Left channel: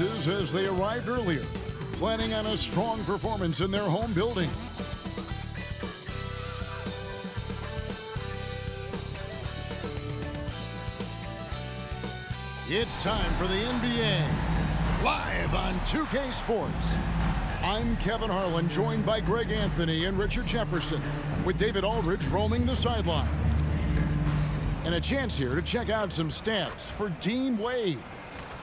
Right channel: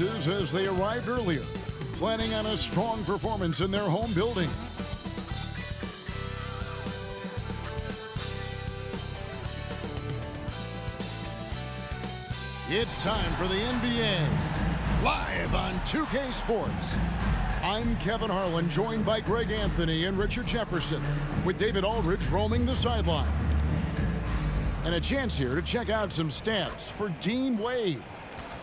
faces as they arrived earlier, planning on a strong performance in their home building. It's time for the NBA, live on 2K Sports. I'm Kevin Harlan, joined by Greg Anthony and Richard Jefferson, with David Aldridge roaming the sideline. And a chance here to check out some stats for Dean Wade.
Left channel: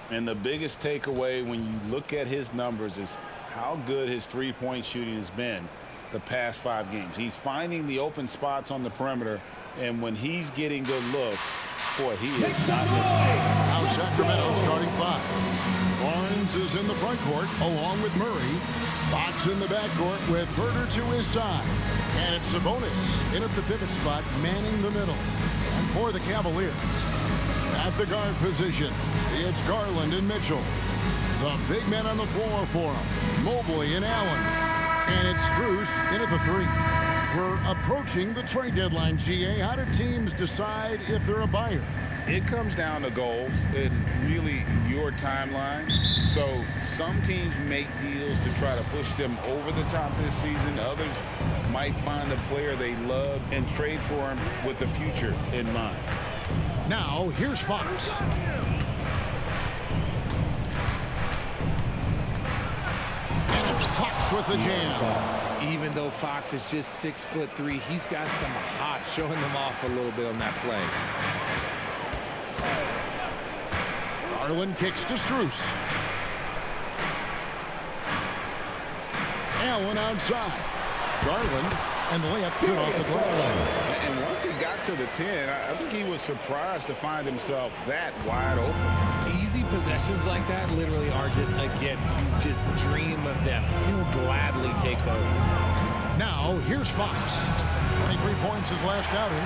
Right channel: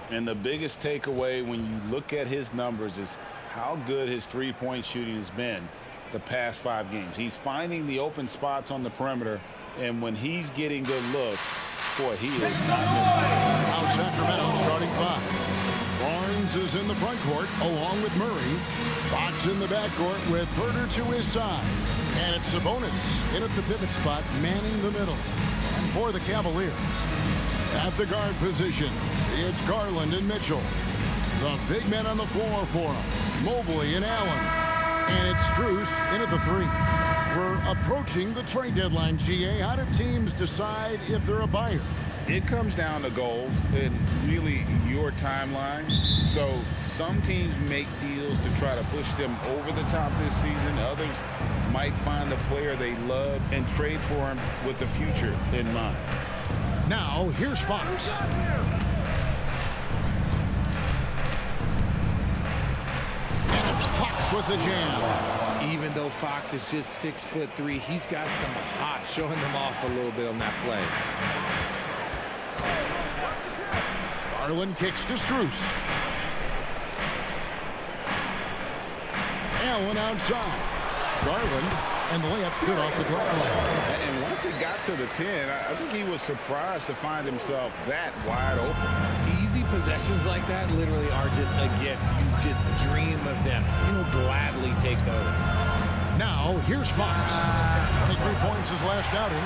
And the biggest takeaway when you look at his numbers is how good his three-point shooting has been the past 5 games. He's finding the open spots on the perimeter, and when he's getting good looks, boy, he is not missing. Now Sacramento starting 5. Barnes is in the front court along with Murray. Fox in the backcourt with Herter to his side. And it's Sabonis in at the pivot spot, manning the middle. And for the Cavaliers, at the guard positions, it's Garland and Mitchell. The big men on the floor for them, Mobley and Allen. And it's Strus in at the 3. We're approaching the trade deadline, GA. How do teams decide if they're a buyer? It comes down to goals and really your timeline. So some teams make deals to try to push them over the top this season. Others might find a player they love and trade for him with the future in mind. Now, here's Fox. And it's Fox with the jam. Even though Fox is just 6'3", he's got some hop, showing them off a little bit on that play. Garland kicks to Strus. Allen outside. Garland, and the layup's good off the glass. And once he got to the 10, I think he was surprised to find himself that wide open. Easy possessions like that literally are just a gift. You just dream of them. He'll gladly take those. Now, here's Fox. 23 points his last outing.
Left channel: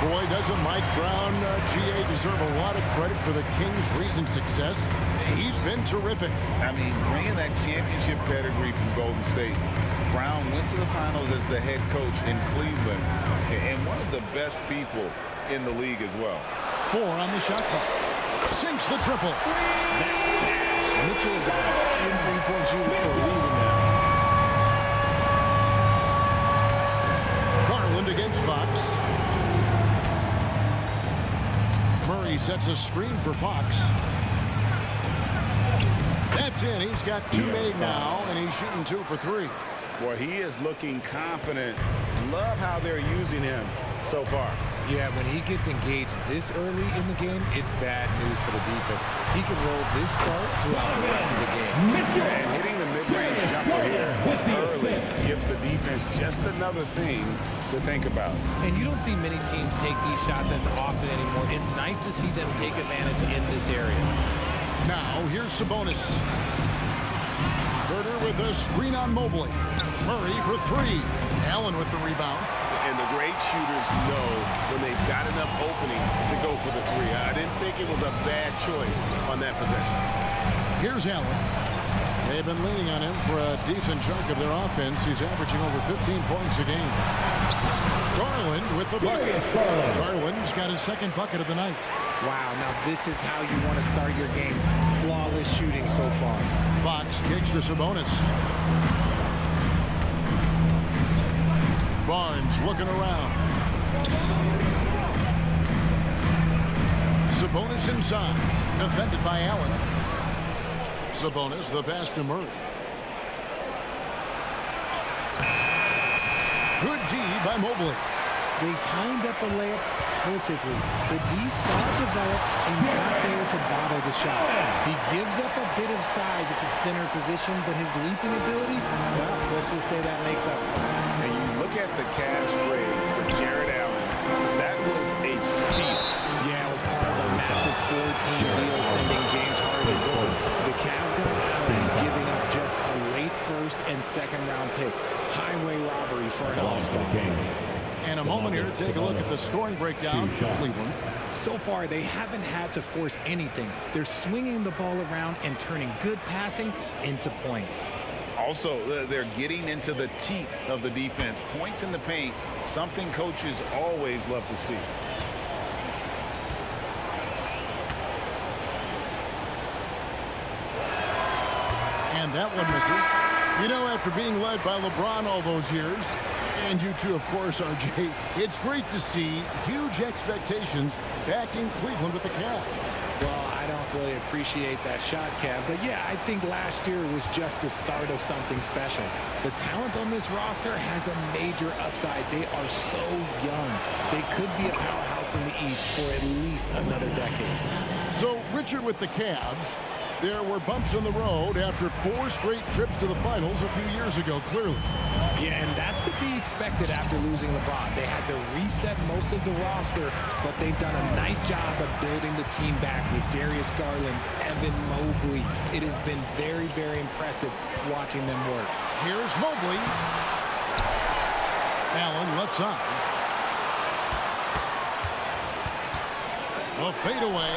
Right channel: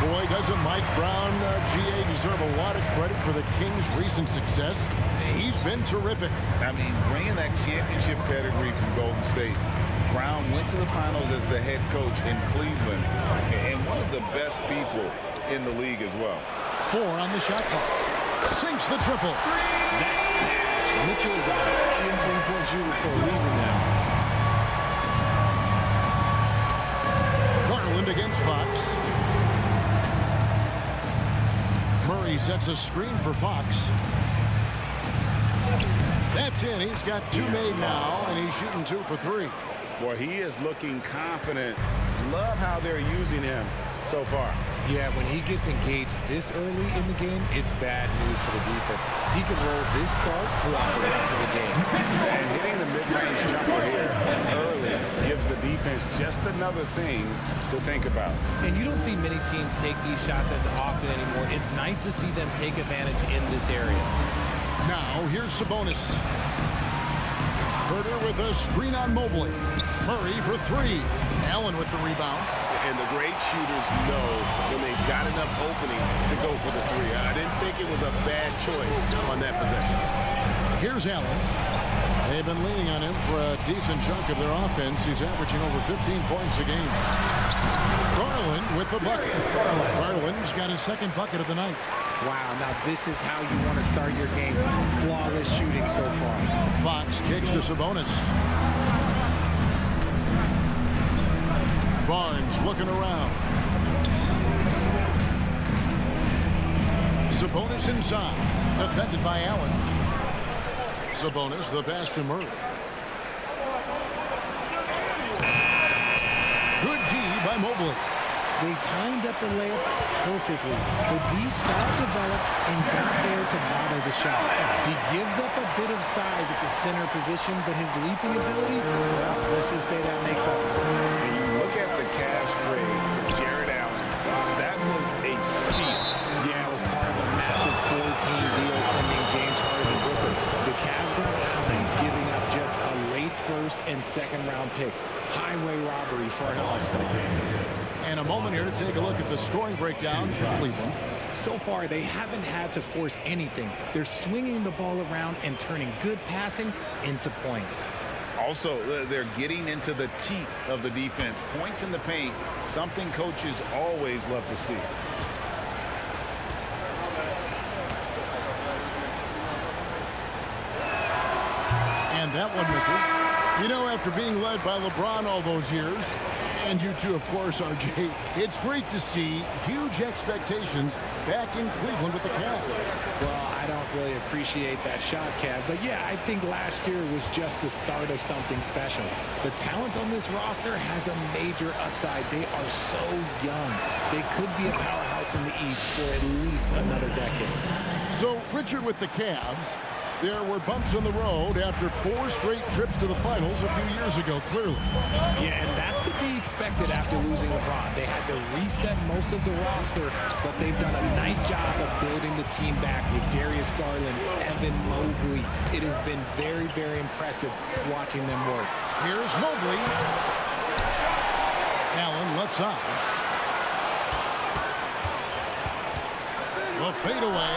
Boy, doesn't Mike Brown, GA, deserve a lot of credit for the Kings' recent success. He's been terrific. I mean, bringing that championship pedigree from Golden State. Brown went to the finals as the head coach in Cleveland, and one of the best people in the league as well. 4 on the shot clock. Sinks the triple. That's cash. Mitchell is a volume three-point shooter for a reason now. Garland against Fox. Murray sets a screen for Fox. That's in. He's got 2 made now, and he's shooting 2 for 3. Boy, he is looking confident. Love how they're using him so far. Yeah, when he gets engaged this early in the game, it's bad news for the defense. He can roll this start throughout the rest of the game. And hitting the mid-range jumper here early gives the defense just another thing to think about. And you don't see many teams take these shots as often anymore. It's nice to see them take advantage in this area. Now, here's Sabonis. Herter with a screen on Mobley. Murray for 3. Allen with the rebound. And the great shooters know when they've got enough opening to go for the 3. I didn't think it was a bad choice on that possession. Here's Allen. They've been leaning on him for a decent chunk of their offense. He's averaging over 15 points a game. Garland with the bucket. Garland's got his 2nd bucket of the night. Wow, now this is how you want to start your games. Flawless shooting so far. Fox kicks to Sabonis. Barnes looking around. Sabonis inside. Defended by Allen. Sabonis, the pass to Murray. Good D by Mobley. They timed up the layup perfectly. The D saw it develop and got there to bother the shot. He gives up a bit of size at the center position, but his leaping ability, well, let's just say that makes up for it. And you look at the Cavs trade for Jared Allen, that was a steal. Yeah, it was part of a massive 4-team deal sending James Harden to Brooklyn. The Cavs got Allen, giving up just a late 1st and 2nd round pick. Highway robbery for an all-star. And a moment here to take a look at the scoring breakdown for Cleveland. So far, they haven't had to force anything. They're swinging the ball around and turning good passing into points. Also, they're getting into the teeth of the defense. Points in the paint, something coaches always love to see. And that one misses. You know, after being led by LeBron all those years, and you too, of course, RJ, it's great to see huge expectations back in Cleveland with the Cavs. Well, I don't really appreciate that shot, Cav. But yeah, I think last year was just the start of something special. The talent on this roster has a major upside. They are so young. They could be a powerhouse in the East for at least another decade. So, Richard, with the Cavs, there were bumps in the road after 4 straight trips to the finals a few years ago, clearly. Yeah, and that's to be expected after losing LeBron. They had to reset most of the roster, but they've done a nice job of building the team back with Darius Garland, Evan Mobley. It has been very, very impressive watching them work. Here's Mobley. Allen left side. The fadeaway.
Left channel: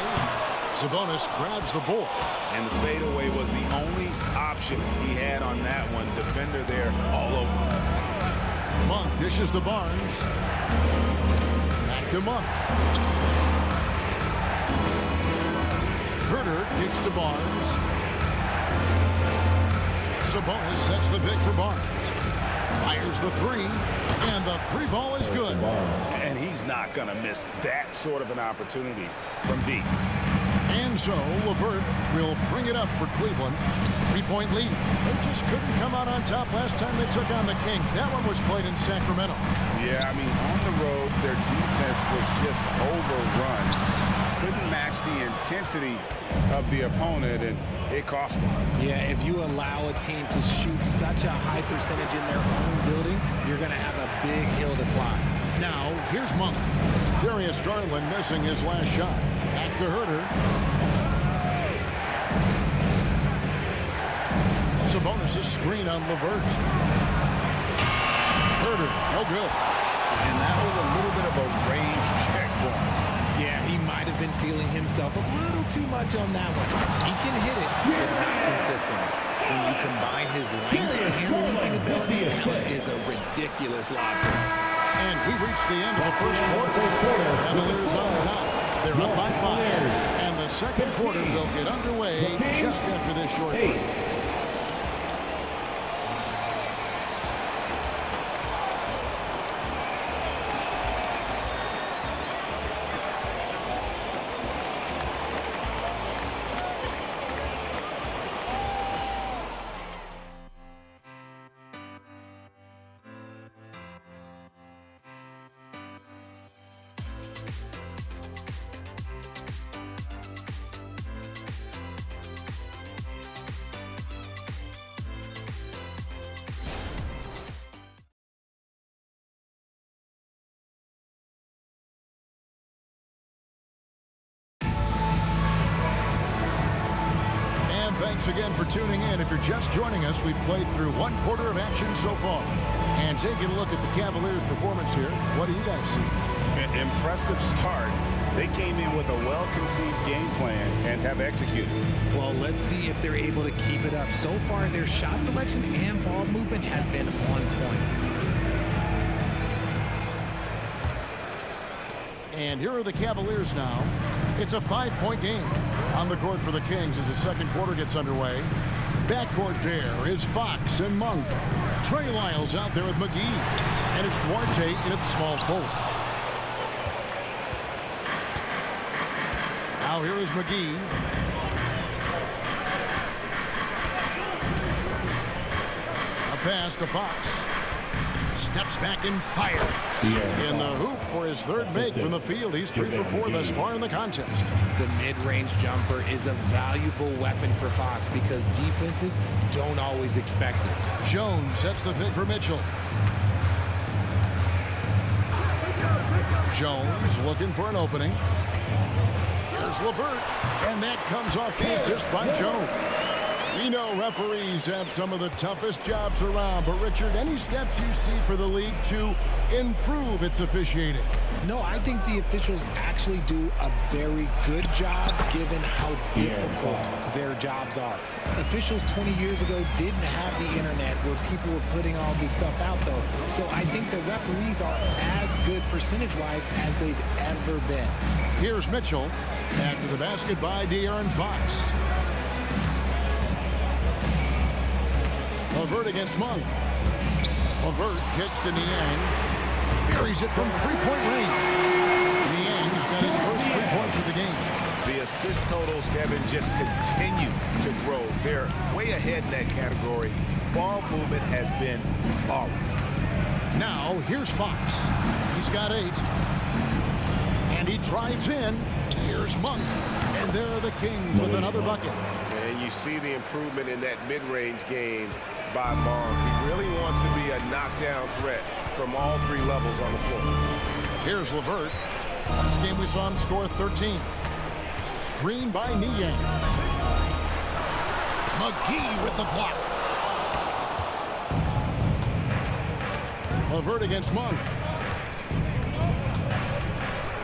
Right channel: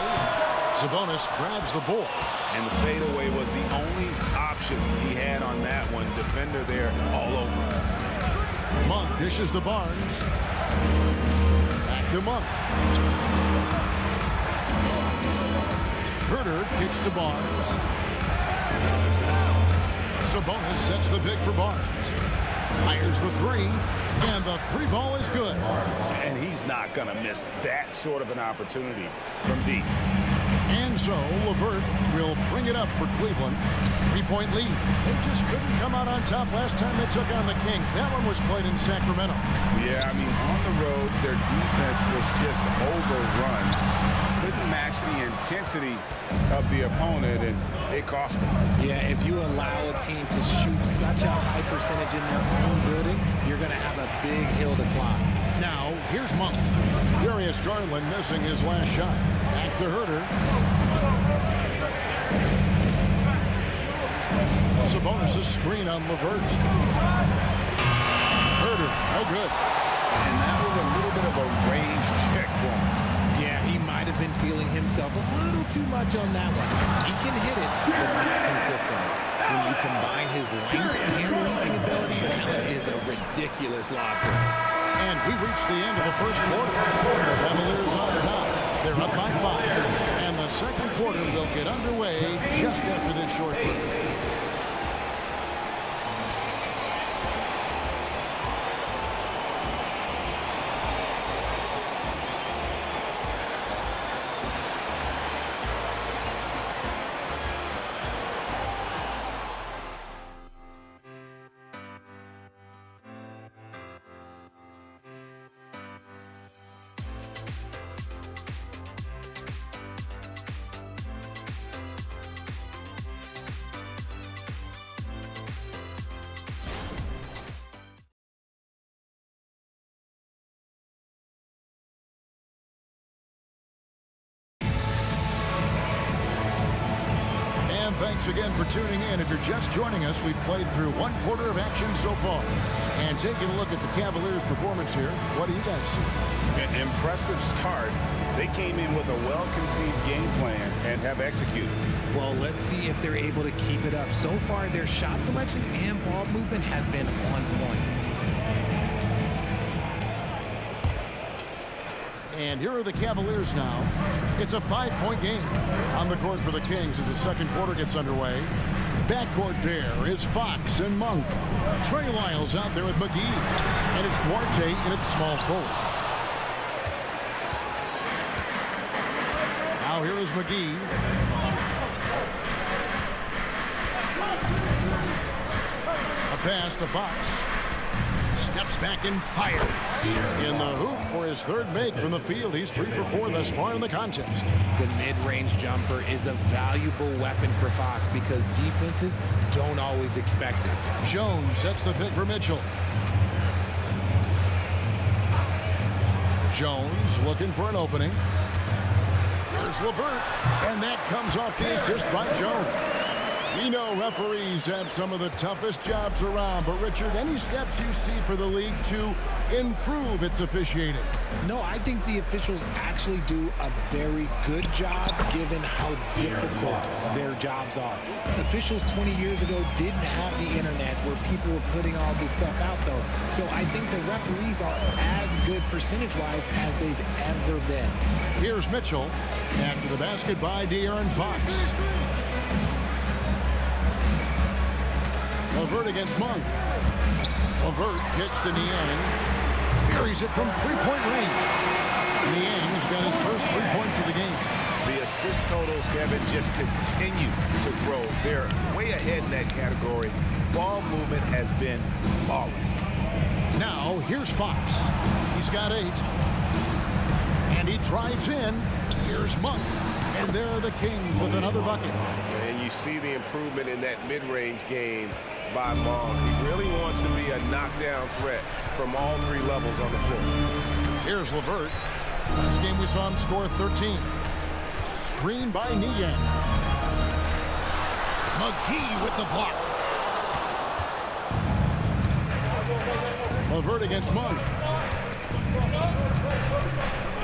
Sabonis grabs the board. And the fadeaway was the only option he had on that one. Defender there all over. Monk dishes to Barnes. Back to Monk. Herter kicks to Barnes. Sabonis sets the pick for Barnes. Fires the 3. And the 3 ball is good. And he's not going to miss that sort of an opportunity from deep. And so LeVert will bring it up for Cleveland. 3-point lead. They just couldn't come out on top last time they took on the Kings. That one was played in Sacramento. Yeah, I mean, on the road, their defense was just overrun. Couldn't match the intensity of the opponent, and it cost them. Yeah, if you allow a team to shoot such a high percentage in their own building, you're going to have a big hill to climb. Now, here's Monk. Darius Garland missing his last shot. Back to Herter. Sabonis' screen on LeVert. Herter, no good. And that was a little bit of a range check for him. Yeah, he might have been feeling himself a little too much on that one. He can hit it, but not consistently. When you combine his length and leaping ability, that is a ridiculous lob. And we reached the end of the first quarter. Cavaliers on top. They're up by 5. And the second quarter will get underway just after this short break. And thanks again for tuning in. If you're just joining us, we've played through 1 quarter of action so far. And taking a look at the Cavaliers' performance here, what do you guys see? An impressive start. They came in with a well-conceived game plan and have executed. Well, let's see if they're able to keep it up. So far, their shot selection and ball movement has been on point. And here are the Cavaliers now. It's a 5-point game. On the court for the Kings as the second quarter gets underway. Backcourt pair is Fox and Monk. Trey Lyles out there with McGee. And it's Duarte in at small forward. Now here is McGee. A pass to Fox. Steps back and fires. In the hoop for his 3rd make from the field. He's 3 for 4 thus far in the contest. The mid-range jumper is a valuable weapon for Fox because defenses don't always expect it. Jones sets the pick for Mitchell. Jones looking for an opening. Here's LeVert. And that comes off the assist by Jones. We know referees have some of the toughest jobs around, but Richard, any steps you see for the league to improve its officiating? No, I think the officials actually do a very good job given how difficult their jobs are. Officials 20 years ago didn't have the internet where people were putting all this stuff out, though. So I think the referees are as good percentage-wise as they've ever been. Here's Mitchell. After the basket by De'Aaron Fox. LeVert against Monk. LeVert kicks to Niang. Buries it from three-point range. Niang's got his first 3 points of the game. The assist totals, Kevin, just continue to grow. They're way ahead in that category. Ball movement has been flawless. Now, here's Fox. He's got 8. And he drives in. Here's Monk. And there are the Kings with another bucket. And you see the improvement in that mid-range game by Monk. He really wants to be a knockdown threat from all 3 levels on the floor. Here's LeVert. Last game we saw him score 13. Screen by Niang. McGee with the block. LeVert against Monk.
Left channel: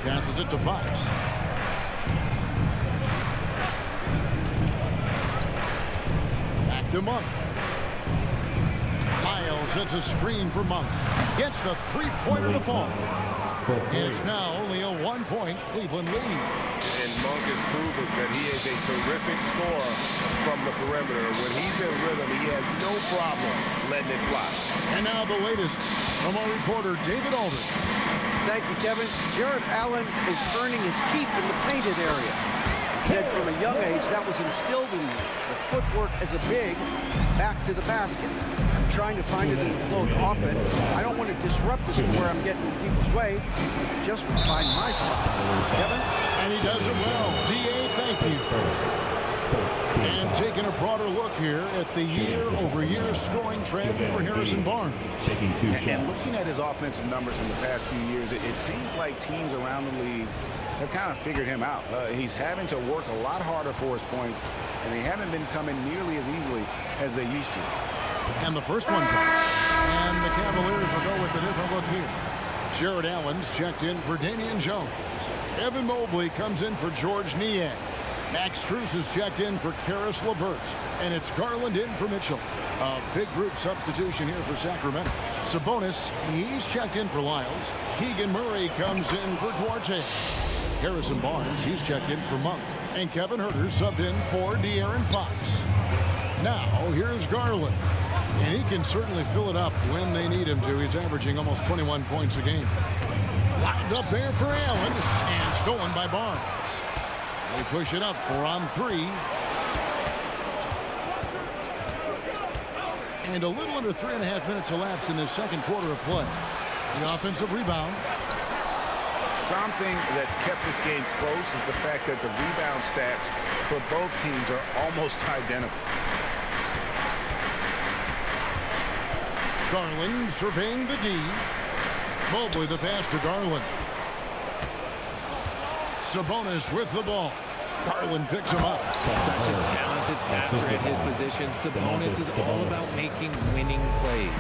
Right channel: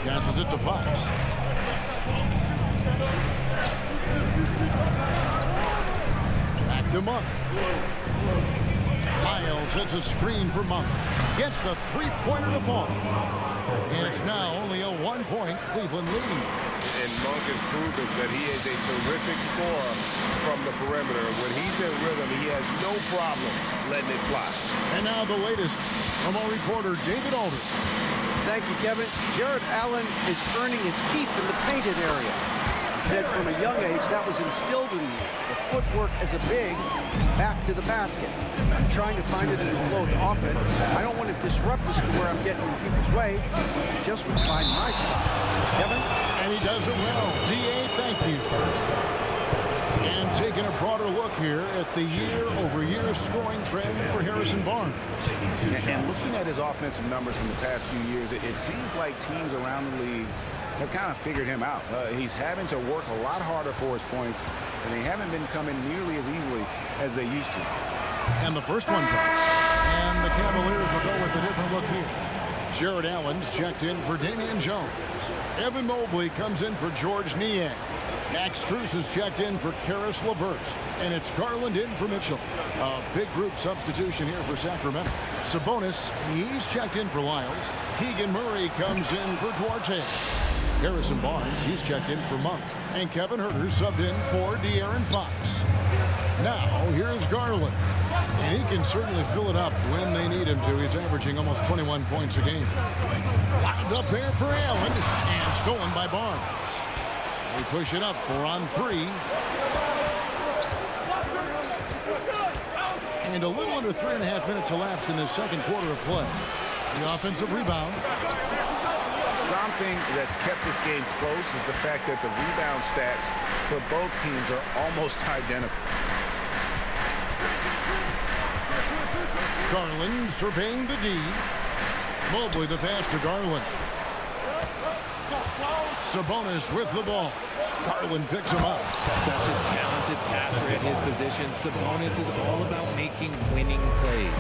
Passes it to Fox. Back to Monk. Lyles hits a screen for Monk. Gets the three-pointer to fall. And it's now only a 1-point Cleveland lead. And Monk has proven that he is a terrific scorer from the perimeter. When he's in rhythm, he has no problem letting it fly. And now the latest from our reporter, David Alder. Thank you, Kevin. Jared Allen is earning his keep in the painted area. He said from a young age that was instilled in me. The footwork as a big, back to the basket. I'm trying to find it in the flow of the offense. I don't want to disrupt this to where I'm getting in people's way. I just want to find my spot. Kevin? And he does it well. D.A., thank you. And taking a broader look here at the year-over-year scoring trend for Harrison Barnes. And looking at his offensive numbers from the past few years, it seems like teams around the league have kind of figured him out. He's having to work a lot harder for his points, and they haven't been coming nearly as easily as they used to. And the first one drops. And the Cavaliers will go with a different look here. Jared Allen's checked in for Damian Jones. Evan Mobley comes in for George Niang. Max Strus is checked in for Karis LeVert. And it's Garland in for Mitchell. A big group substitution here for Sacramento. Sabonis, he's checked in for Lyles. Keegan Murray comes in for Duarte. Harrison Barnes, he's checked in for Monk. And Kevin Huerter subbed in for De'Aaron Fox. Now, here's Garland. And he can certainly fill it up when they need him to. He's averaging almost 21 points a game. Lined up there for Allen. And stolen by Barnes. They push it up 4 on 3. And a little under 3.5 minutes elapsed in the second quarter of play. The offensive rebound. Something that's kept this game close is the fact that the rebound stats for both teams are almost identical. Garland surveying the D. Mobley the pass to Garland. Sabonis with the ball. Garland picks him up. Such a talented passer at his position. Sabonis is all about making winning plays.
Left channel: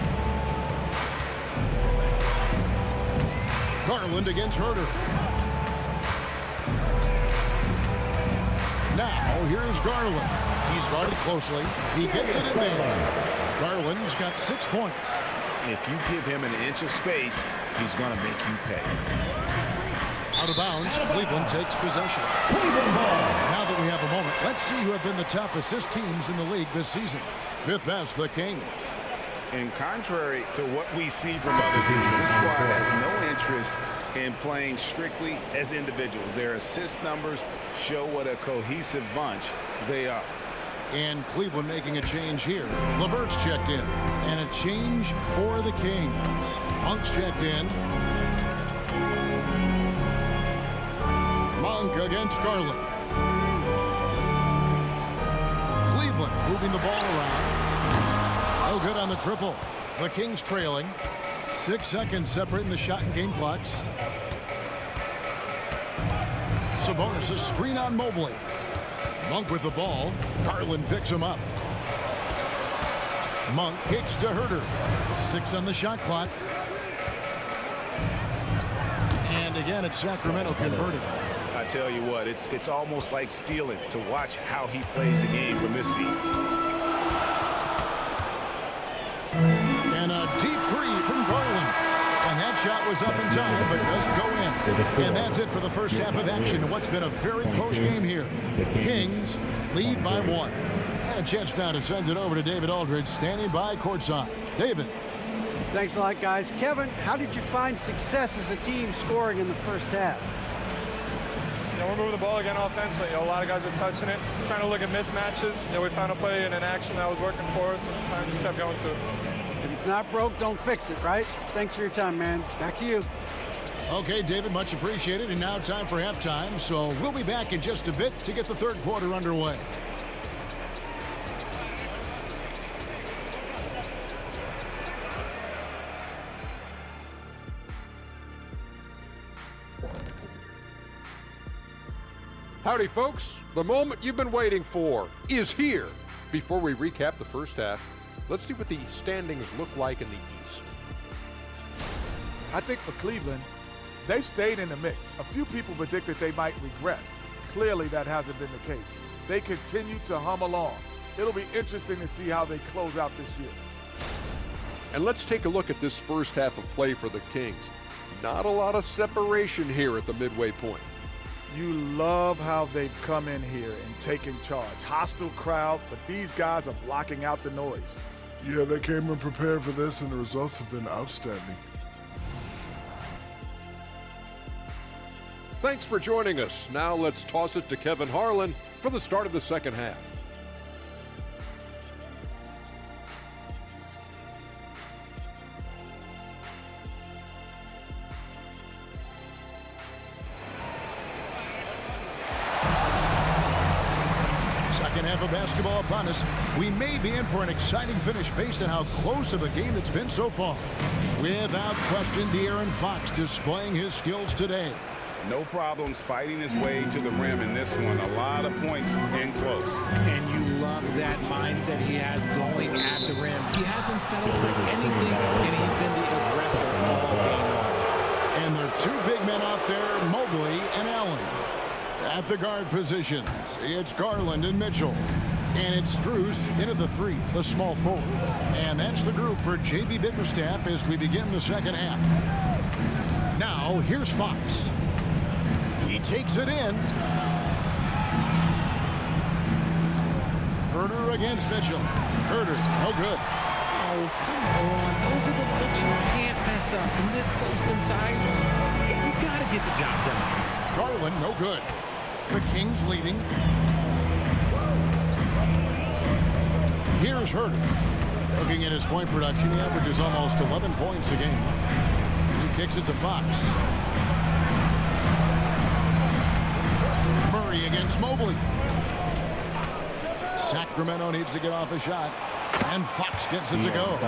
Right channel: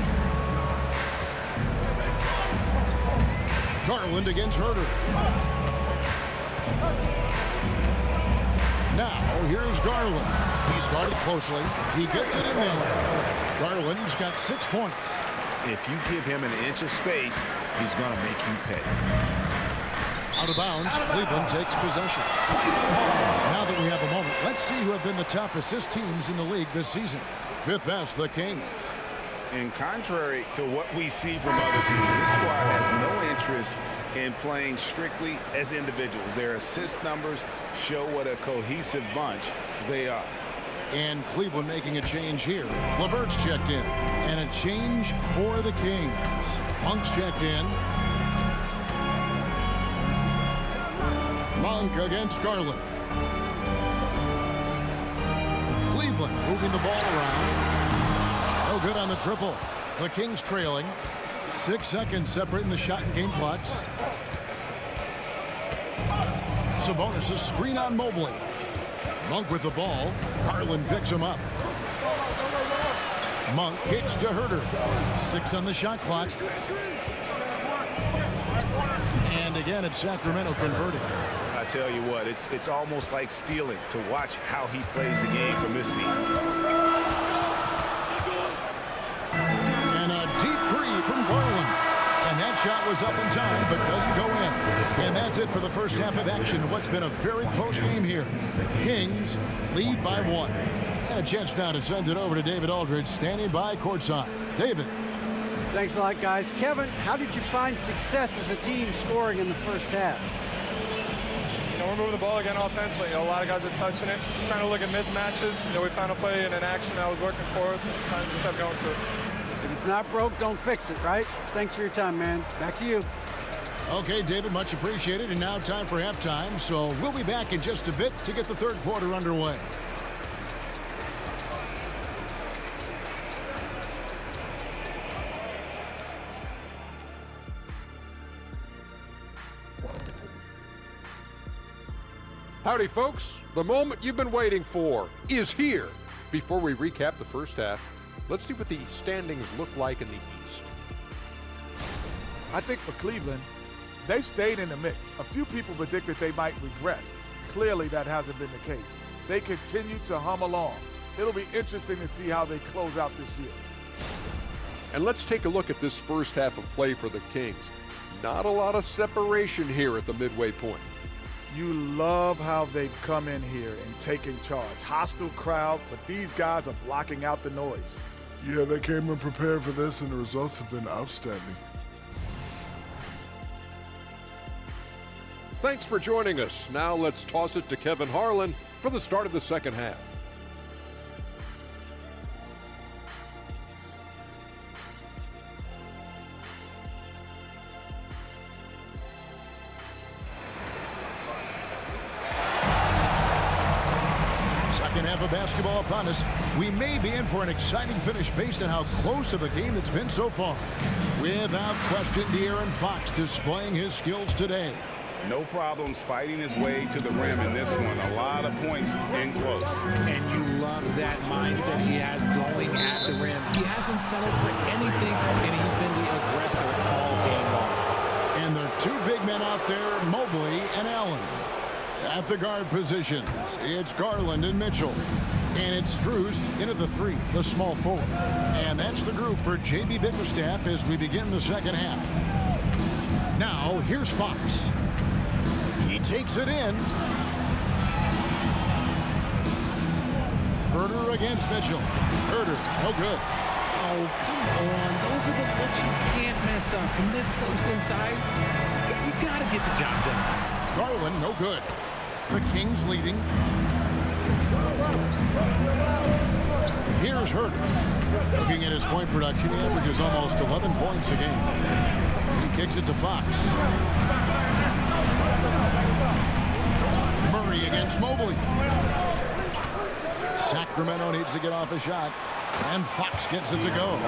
Garland against Huerter. Now here's Garland. He's guarded closely. He gets it in there. Garland's got 6 points. If you give him an inch of space, he's going to make you pay. Out of bounds, Cleveland takes possession. Now that we have a moment, let's see who have been the top assist teams in the league this season. Fifth best, the Kings. And contrary to what we see from other teams, this squad has no interest in playing strictly as individuals. Their assist numbers show what a cohesive bunch they are. And Cleveland making a change here. LeVert's checked in. And a change for the Kings. Monk's checked in. Monk against Garland. Cleveland moving the ball around. No good on the triple. The Kings trailing. 6 seconds separating the shot and game clocks. Sabonis a screen on Mobley. Monk with the ball. Garland picks him up. Monk kicks to Huerter. 6 on the shot clock. And again, it's Sacramento converting. I tell you what, it's almost like stealing to watch how he plays the game from this seat. And a deep three from Garland. And that shot was up in time, but doesn't go in. And that's it for the first half of action. What's been a very close game here. Kings lead by 1. And a chance now to send it over to David Aldridge, standing by courtside. David. Thanks a lot, guys. Kevin, how did you find success as a team scoring in the first half? We're moving the ball again offensively. A lot of guys are touching it, trying to look at mismatches. We found a play in an action that was working for us and kind of just kept going to it. If it's not broke, don't fix it, right? Thanks for your time, man. Back to you. Okay, David, much appreciated. And now time for halftime. So we'll be back in just a bit to get the third quarter underway. Howdy, folks. The moment you've been waiting for is here. Before we recap the first half, let's see what the standings look like in the East. I think for Cleveland, they've stayed in the mix. A few people predicted they might regress. Clearly, that hasn't been the case. They continue to hum along. It'll be interesting to see how they close out this year. And let's take a look at this first half of play for the Kings. Not a lot of separation here at the midway point. You love how they've come in here and taken charge. Hostile crowd, but these guys are blocking out the noise. Yeah, they came in prepared for this, and the results have been outstanding. Thanks for joining us. Now let's toss it to Kevin Harlan for the start of the second half. Second half of basketball upon us. We may be in for an exciting finish based on how close of a game it's been so far. Without question, De'Aaron Fox displaying his skills today. No problems fighting his way to the rim in this one. A lot of points in close. And you love that mindset he has going at the rim. He hasn't settled for anything, and he's been the aggressor all game long. And there are two big men out there, Mobley and Allen. At the guard positions, it's Garland and Mitchell. And it's Strus in at the three, the small forward. And that's the group for J.B. Bickerstaff as we begin the second half. Now, here's Fox. He takes it in. Herder against Mitchell. Herder, no good. Oh, come on. Those are the looks you can't mess up. From this close inside, you got to get the job done. Garland, no good. The Kings leading. Here's Herder. Looking at his point production, he averages almost 11 points a game. He kicks it to Fox. Murray against Mobley. Sacramento needs to get off a shot. And Fox gets it to go.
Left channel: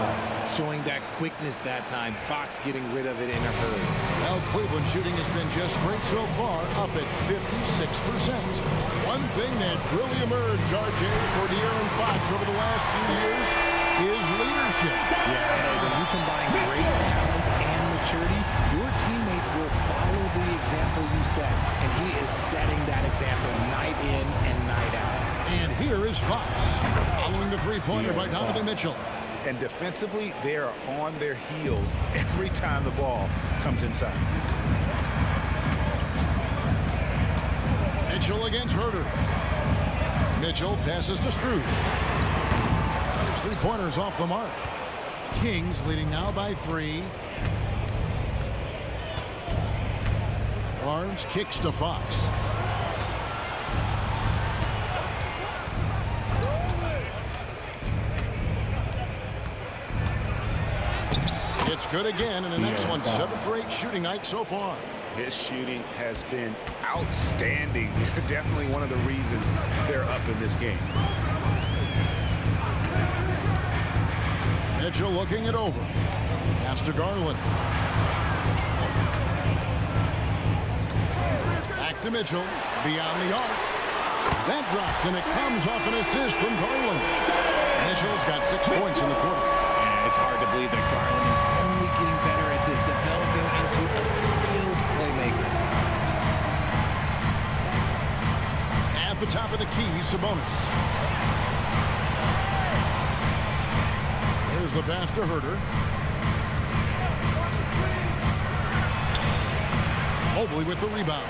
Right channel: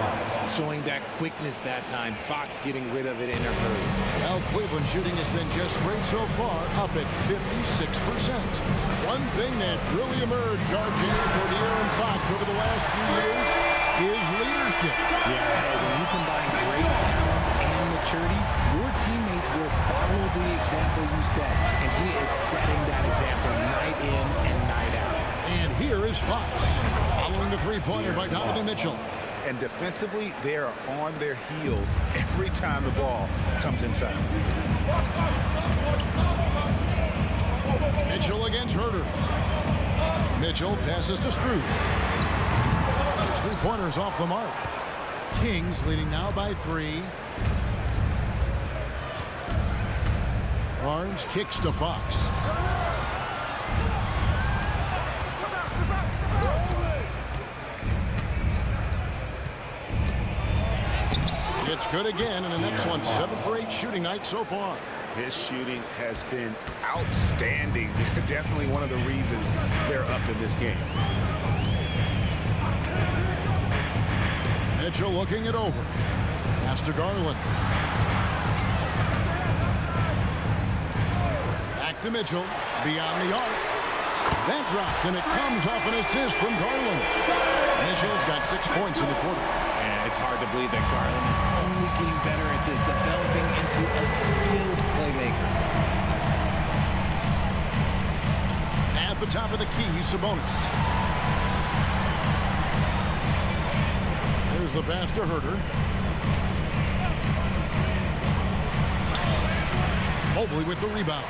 Showing that quickness that time. Fox getting rid of it in a hurry. Well, Cleveland shooting has been just great so far, up at 56%. One thing that's really emerged, RJ, for De'Aaron Fox over the last few years is leadership. Yeah, hey, when you combine great talent and maturity, your teammates will follow the example you set. And he is setting that example night in and night out. And here is Fox, following the three-pointer by Donovan Mitchell. And defensively, they are on their heels every time the ball comes inside. Mitchell against Herder. Mitchell passes to Strus. His three-pointers off the mark. Kings leading now by 3. Barnes kicks to Fox. It's good again, and the next one, 7 for 8 shooting night so far. His shooting has been outstanding. Definitely one of the reasons they're up in this game. Mitchell looking it over. Pass to Garland. Back to Mitchell. Beyond the arc. That drops, and it comes off an assist from Garland. Mitchell's got 6 points in the quarter. And it's hard to believe that Garland is only getting better at this, developing into a skilled playmaker. At the top of the key, Sabonis. There's the pass to Herder. Mobley with the rebound.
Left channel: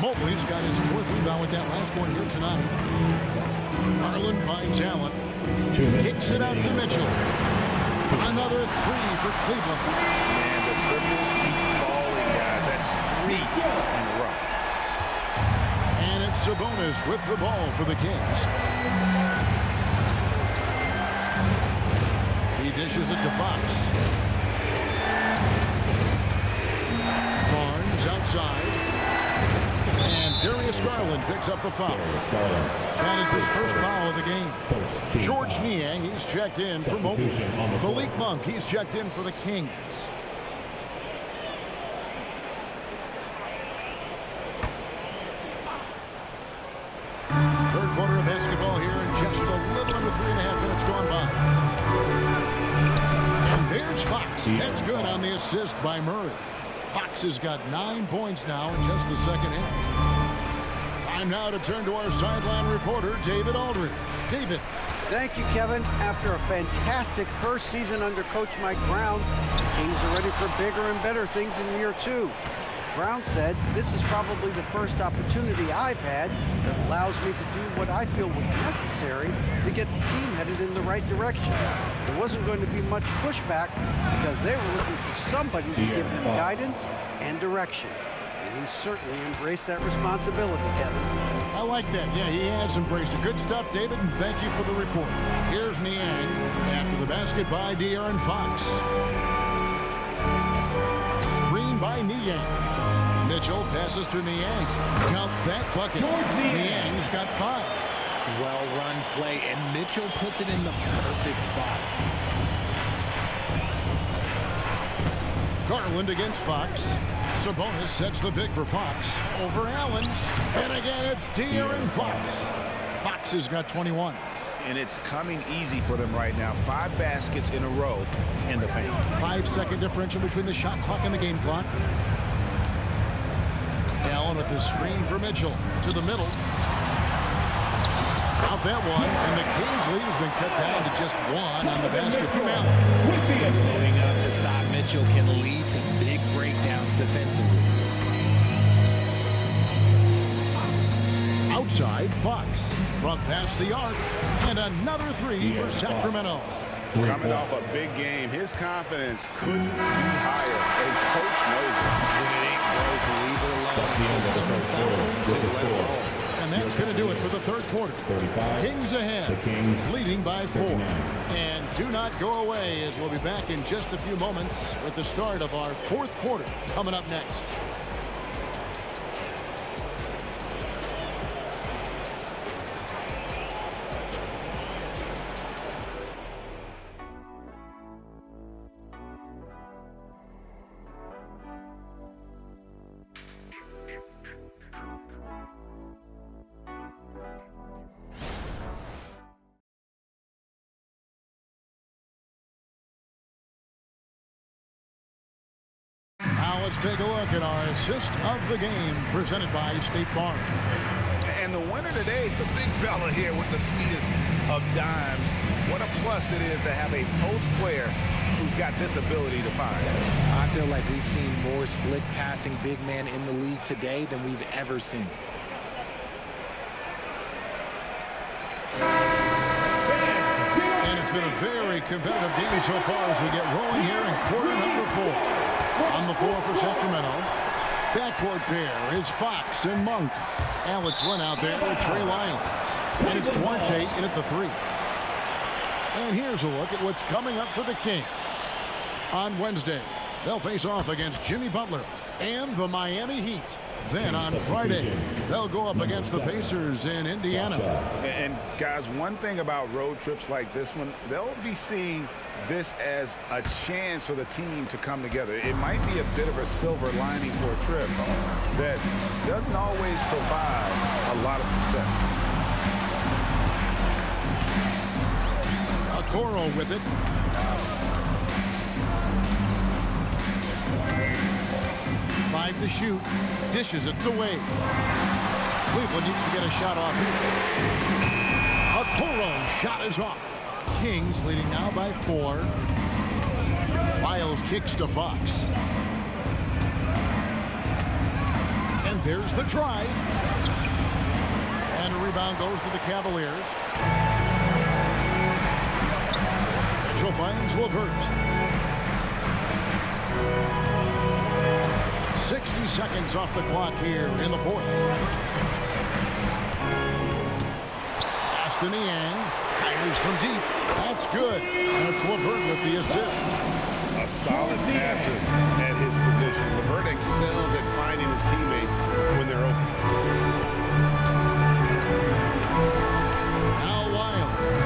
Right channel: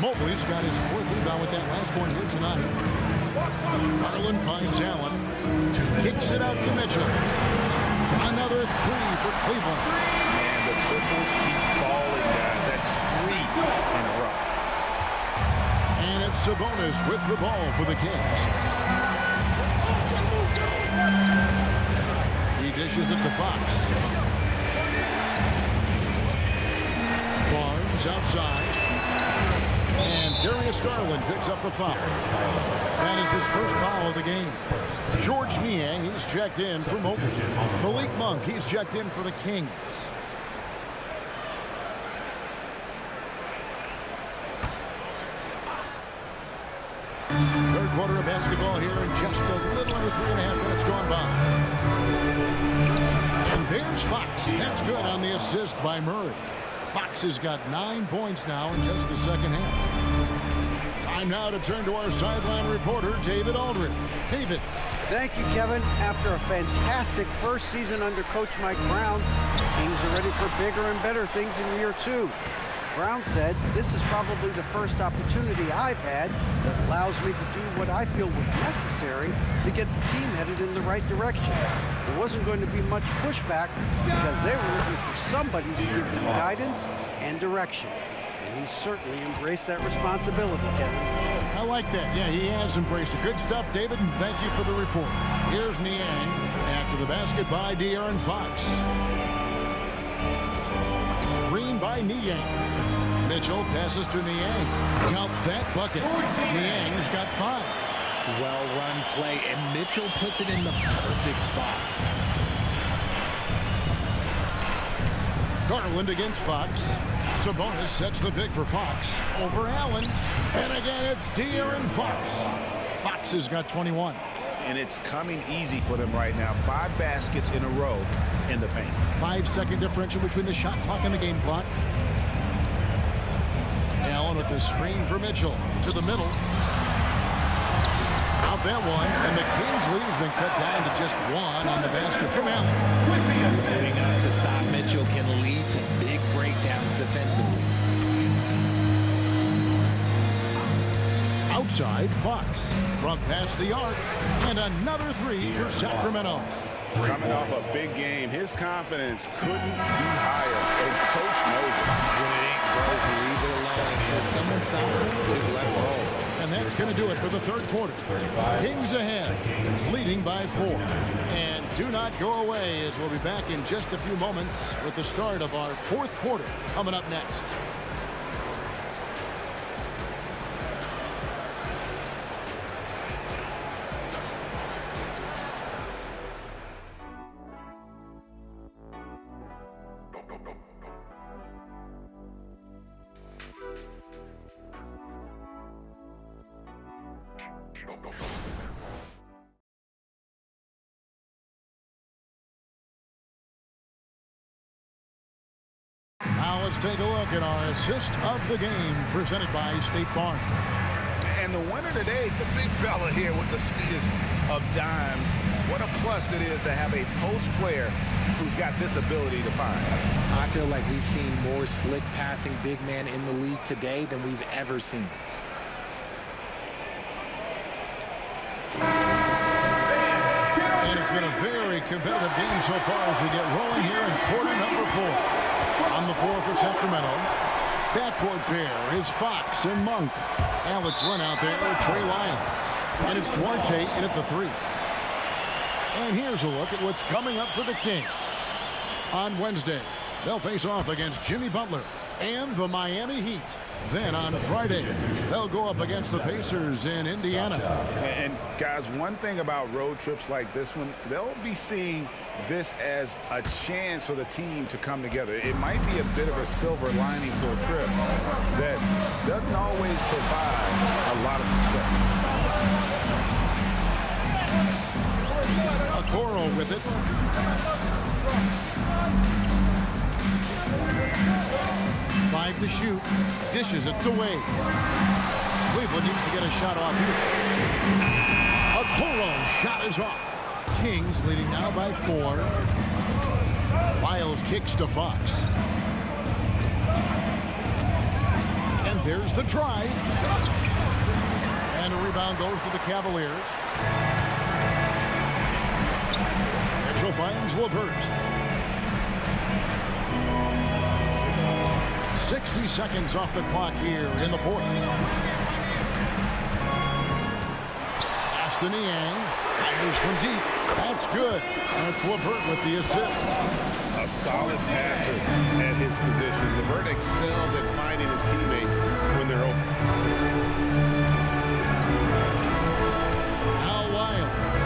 Mobley's got his 4th rebound with that last one here tonight. Garland finds Allen. Kicks it out to Mitchell. Another three for Cleveland. Man, the triples keep falling, guys. That's 3 in a row. And it's Sabonis with the ball for the Kings. He dishes it to Fox. Barnes outside. And Darius Garland picks up the foul. That is his first foul of the game. George Niang, he's checked in for Mobley. Malik Monk, he's checked in for the Kings. Third quarter of basketball here, and just a little under 3.5 minutes gone by. And there's Fox. That's good on the assist by Murray. Fox has got 9 points now in just the second half. Time now to turn to our sideline reporter, David Aldridge. David. Thank you, Kevin. After a fantastic first season under Coach Mike Brown, the Kings are ready for bigger and better things in year 2. Brown said, "This is probably the first opportunity I've had that allows me to do what I feel was necessary to get the team headed in the right direction." There wasn't going to be much pushback because they were looking for somebody to give them guidance and direction. And he certainly embraced that responsibility, Kevin. I like that. Yeah, he has embraced it. Good stuff, David, and thank you for the report. Here's Niang after the basket by De'Aaron Fox. Screen by Niang. Mitchell passes to Niang. Count that bucket. Niang's got 5. Well-run play, and Mitchell puts it in the perfect spot. Garland against Fox. Sabonis sets the pick for Fox. Over Allen. And again, it's De'Aaron Fox. Fox has got 21. And it's coming easy for them right now. 5 baskets in a row in the paint. 5-second differential between the shot clock and the game clock. Allen with the screen for Mitchell. To the middle. Out that one, and the Kings' lead has been cut down to just 1 on the basket from Allen. Loading up to stop Mitchell can lead to big breakdowns defensively. Outside, Fox from past the arc, and another 3 for Sacramento. Coming off a big game, his confidence couldn't be higher, and Coach knows it. When it ain't broke, leave it alone until someone stops him. Just let it roll. And that's going to do it for the third quarter. Kings ahead, leading by 4. And do not go away, as we'll be back in just a few moments with the start of our fourth quarter coming up next. Now let's take a look at our assist of the game presented by State Farm. And the winner today, the big fella here with the sweetest of dimes. What a plus it is to have a post player who's got this ability to find. I feel like we've seen more slick passing big man in the league today than we've ever seen. And it's been a very competitive game so far as we get rolling here in quarter number 4. On the floor for Sacramento. Backcourt pair is Fox and Monk. Alex Len out there with Trey Lyons. And it's Duarte in at the 3. And here's a look at what's coming up for the Kings. On Wednesday, they'll face off against Jimmy Butler and the Miami Heat. Then on Friday, they'll go up against the Pacers in Indiana. And guys, one thing about road trips like this one, they'll be seeing this as a chance for the team to come together. It might be a bit of a silver lining for a trip that doesn't always provide a lot of success. Okoro with it. Five to shoot. Dishes it away. Cleveland needs to get a shot off here. Okoro shot is off. Kings leading now by 4. Lyles kicks to Fox. And there's the drive. And a rebound goes to the Cavaliers. Mitchell finds LeVert. 60 seconds off the clock here in the fourth. Aston Yang fires from deep. That's good. That's LeVert with the assist. A solid passer at his position. LeVert excels at finding his teammates when they're open. Now Lyles.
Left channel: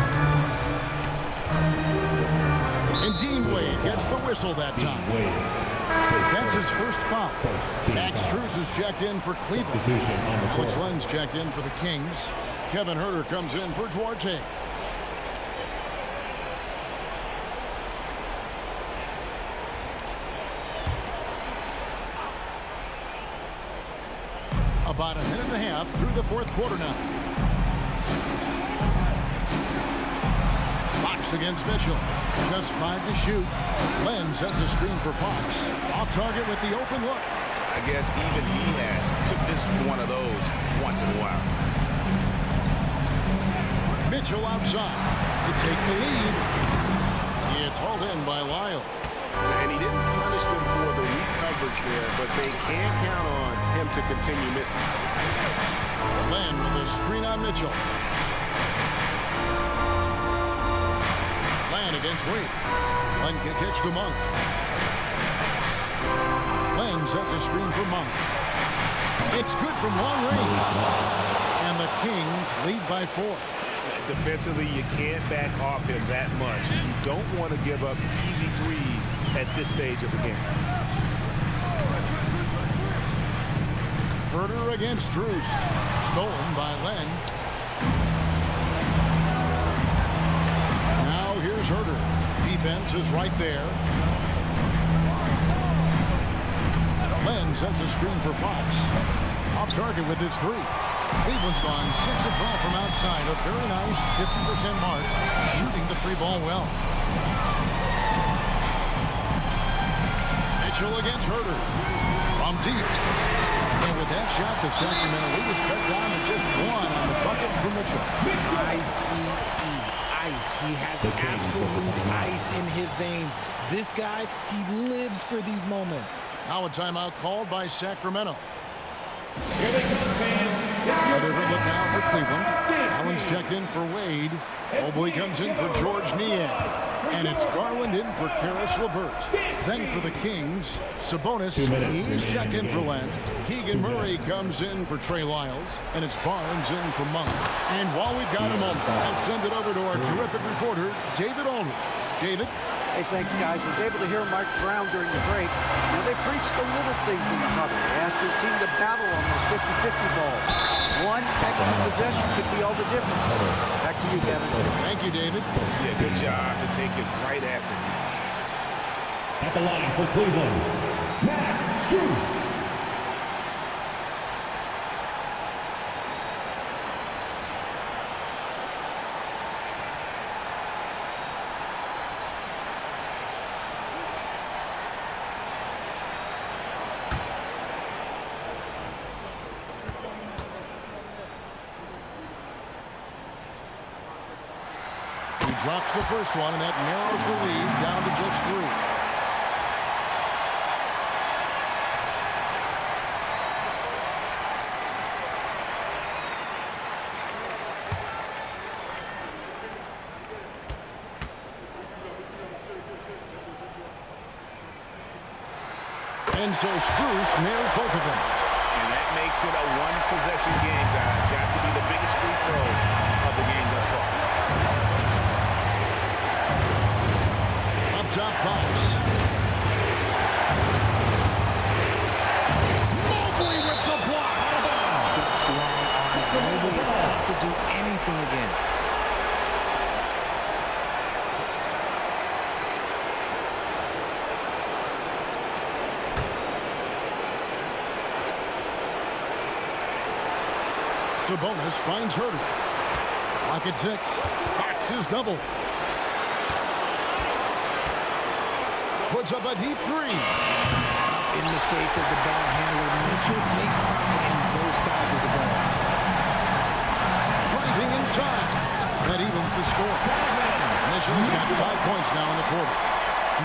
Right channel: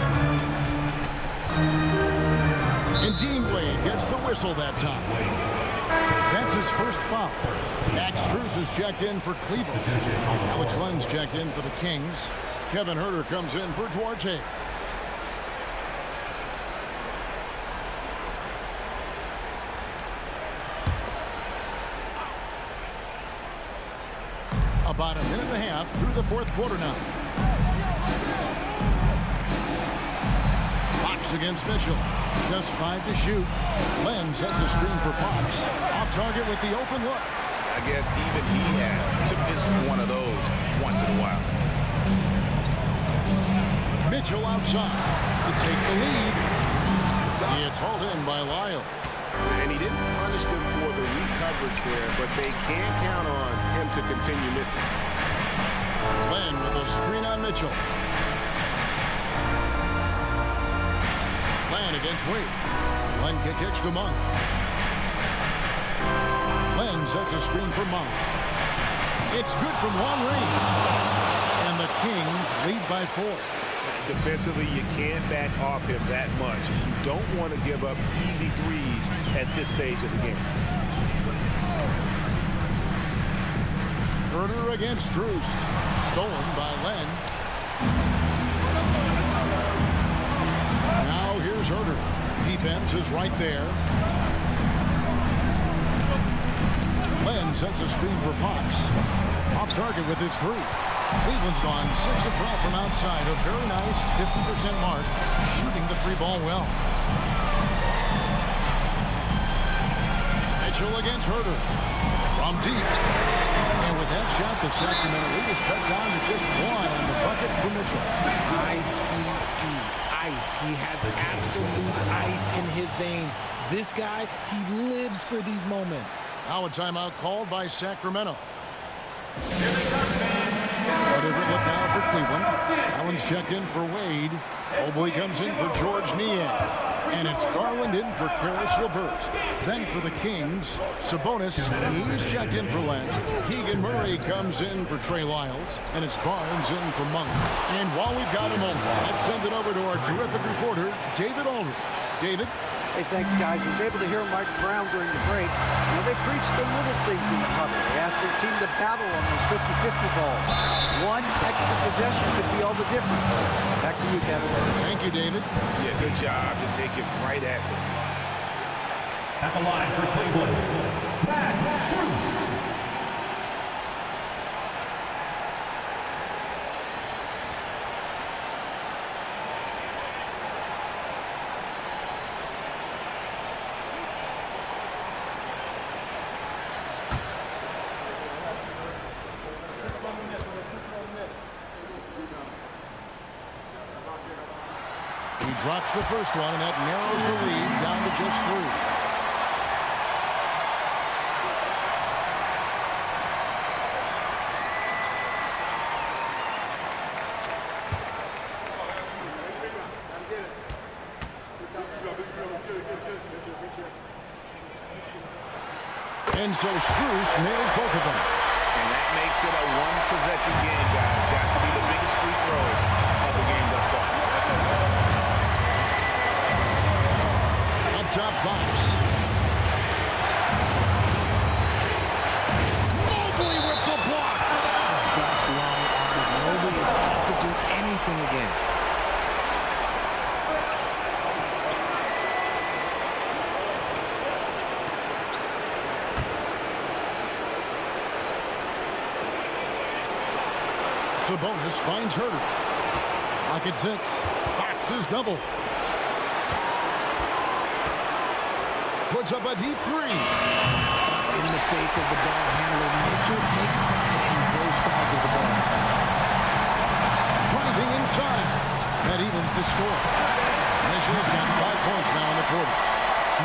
And Dean Wade gets the whistle that time. That's his first foul. Max Strus is checked in for Cleveland. Alex Len's checked in for the Kings. Kevin Huerter comes in for Duarte. About a minute and a half through the fourth quarter now. Fox against Mitchell. Just 5 to shoot. Len sets a screen for Fox. Off target with the open look. I guess even he has to miss one of those once in a while. Mitchell outside to take the lead. It's hauled in by Lyles. And he didn't punish them for the weak coverage there, but they can't count on him to continue missing. Len with a screen on Mitchell. Len against Wade. Len kicks to Monk. Len sets a screen for Monk. It's good from long range. And the Kings lead by 4. Defensively, you can't back off him that much. You don't want to give up easy threes at this stage of the game. Huerter against Strus. Stolen by Len. Now here's Huerter. Defense is right there. Len sets a screen for Fox. Off target with his 3. Cleveland's gone 6 of 12 from outside. A very nice 50% mark. Shooting the 3-ball well. Mitchell against Huerter. From deep. And with that shot, the Sacramento lead is cut down to just 1 on the bucket for Mitchell. Ice. He has absolute ice in his veins. This guy, he lives for these moments. Now a timeout called by Sacramento. Here they come, fans. A different look now for Cleveland. Allen's checked in for Wade. Mobley comes in for George Niang. And it's Garland in for Karis LeVert. Then for the Kings, Sabonis, he's checked in for Len. Keegan Murray comes in for Trey Lyles. And it's Barnes in for Monk. And while we've got a moment, let's send it over to our terrific reporter, David Aldridge. David? Hey, thanks, guys. Was able to hear Mike Brown during the break. Now, they preached the little things in the huddle. They asked their team to battle on those 50-50 balls. One extra possession could be all the difference. Back to you, Kevin. Thank you, David. Yeah, good job to take it right at the D. At the line for Cleveland, Max Strus. He drops the first one, and that narrows the lead down to just 3. And so Strus nails both of them. And that makes it a one-possession game, guys. Got to be the biggest free throws of the game thus far. Up top, Fox. Mobley with the block. Such long arms. Mobley is tough to do anything against. Sabonis finds Huerter. Lock at 6. Fox is double. Puts up a deep 3. Up in the face of the ball handler, Mitchell takes pride in both sides of the ball. driving inside. That evens the score. Mitchell's got 5 points now in the quarter.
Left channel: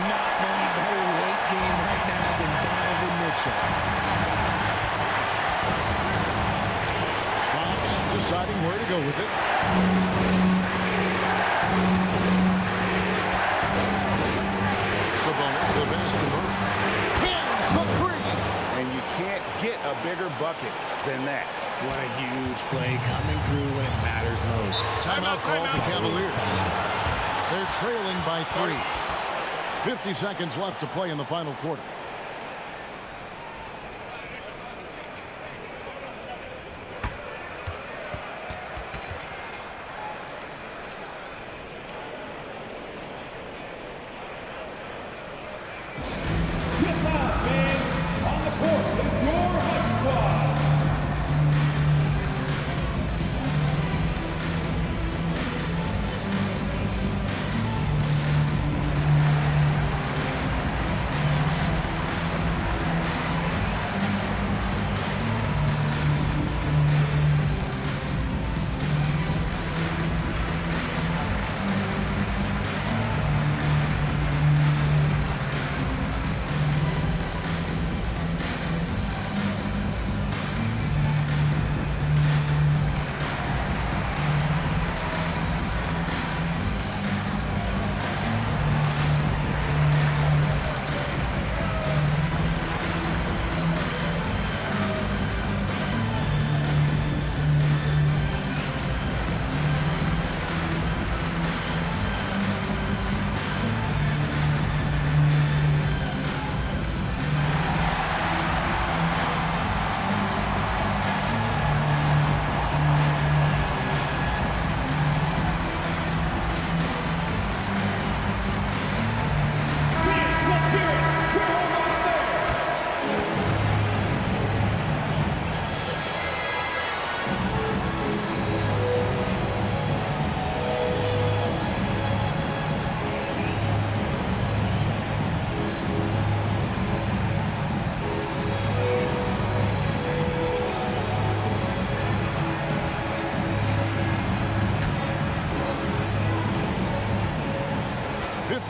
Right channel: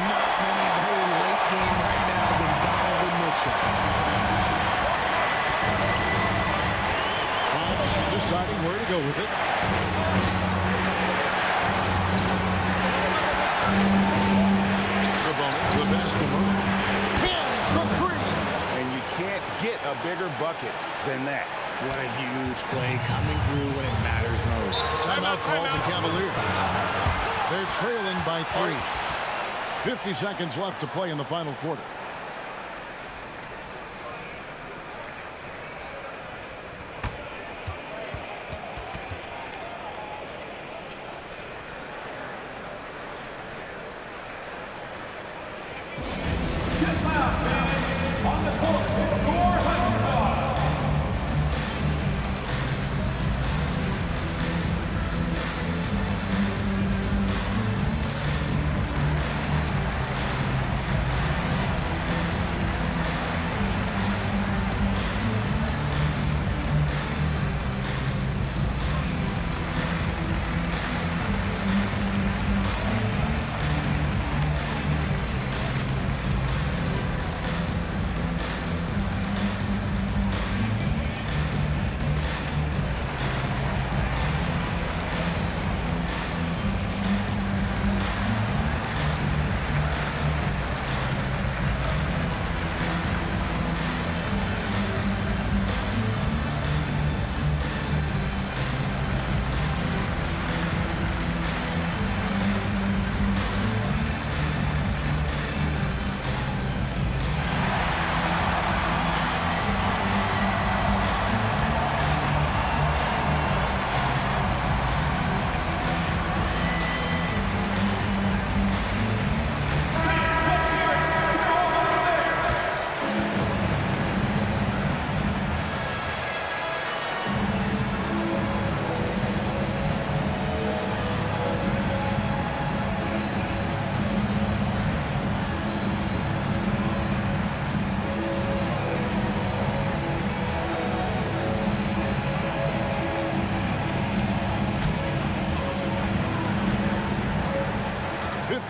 Not many better late game right now than Donovan Mitchell. Fox deciding where to go with it. Sabonis, the best to Murray. Hands the three. And you can't get a bigger bucket than that. What a huge play coming through when it matters most. Timeout called the Cavaliers. They're trailing by 3. 50 seconds left to play in the final quarter. Get loud, man. On the court is your high squad.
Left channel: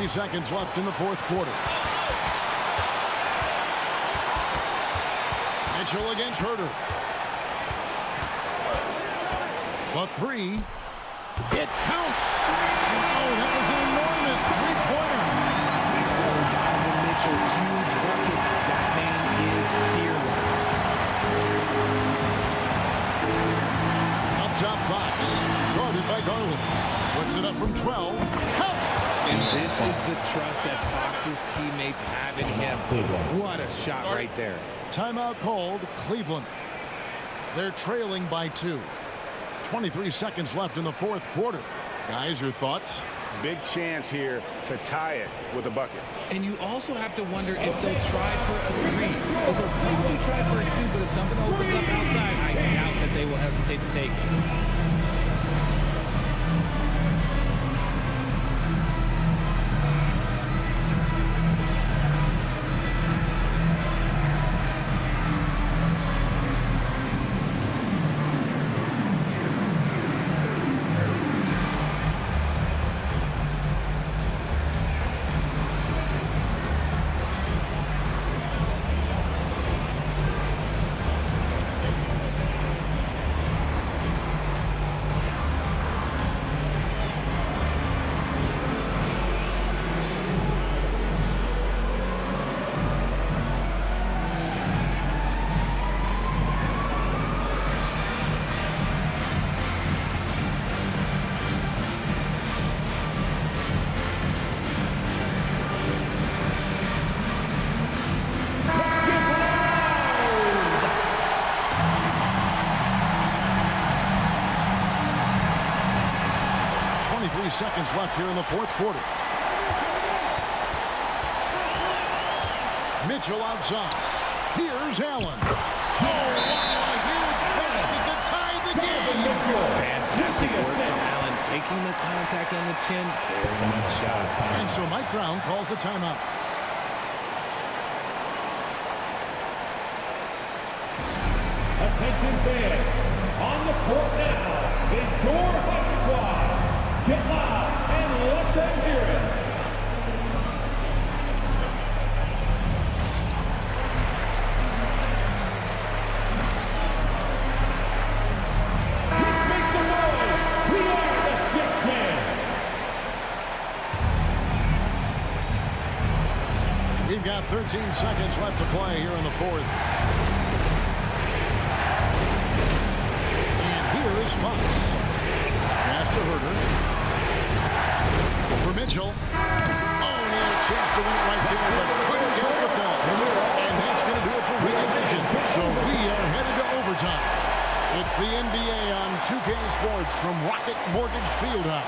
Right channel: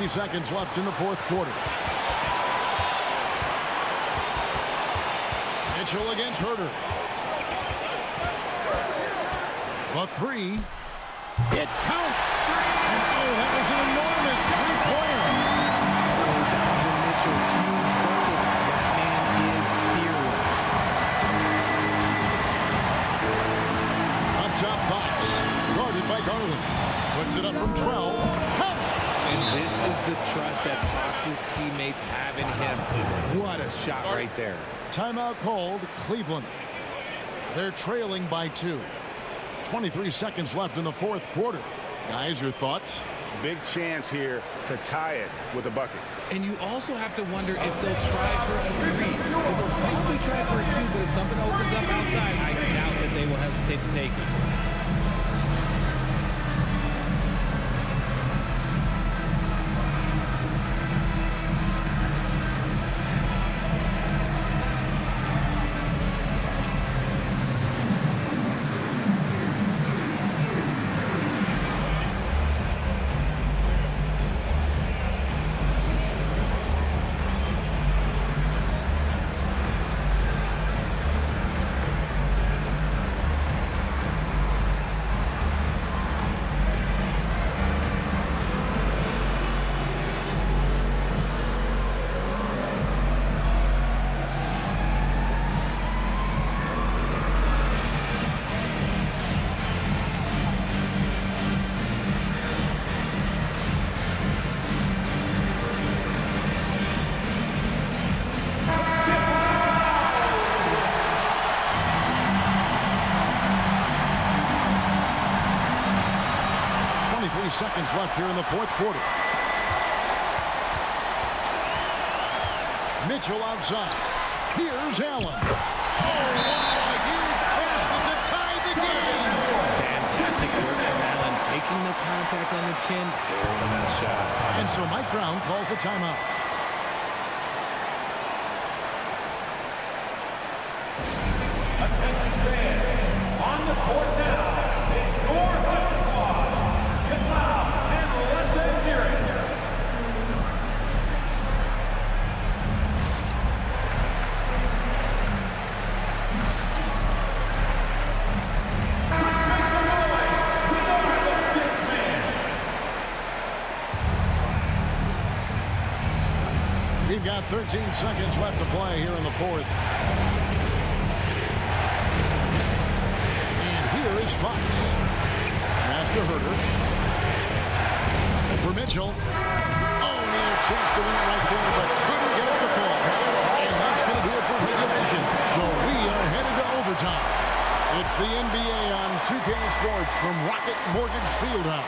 Seconds left in the fourth quarter. Mitchell against Herter. The three. It counts. And oh, that was an enormous three-pointer. Oh, Donovan Mitchell, huge bucket. That man is fearless. Up top, Fox. Guarded by Garland. Puts it up from 12. Count it. And this is the trust that Fox's teammates have in him. What a shot right there. Timeout called Cleveland. They're trailing by 2. 23 seconds left in the fourth quarter. Guys, your thoughts? Big chance here to tie it with a bucket. And you also have to wonder if they'll try for a 3. Well, they'll probably try for a 2, but if something opens up outside, I doubt that they will hesitate to take it. Seconds left here in the fourth quarter. Mitchell outside. Here's Allen. Oh, wow, a huge basket to tie the game. Fantastic work from Allen, taking the contact on the chin, burying the shot. And so Mike Brown calls a timeout. Attention fans, on the court now is Door Hut Squad. Get loud and let them hear it. Let's make some noise. We are the sixth man. We've got 13 seconds left to play here in the fourth. And here is Fox. Pass to Herter. Over Mitchell. Oh, and he had a chance to win it right there, but couldn't get it to fall. And that's going to do it for regulation. So we are headed to overtime. It's the NBA on 2K Sports from Rocket Mortgage Fieldhouse.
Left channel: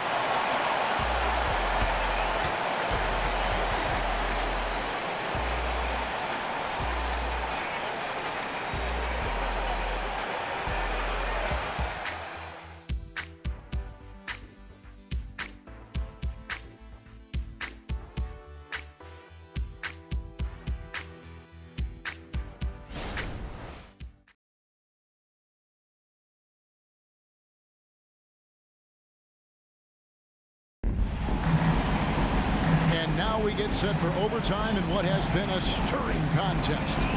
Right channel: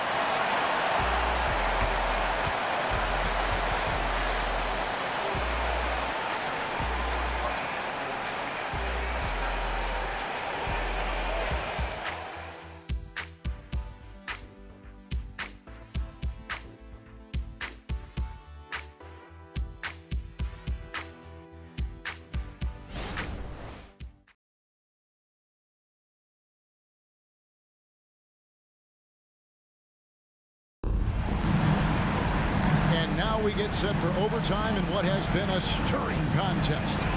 And now we get set for overtime in what has been a stirring contest. Here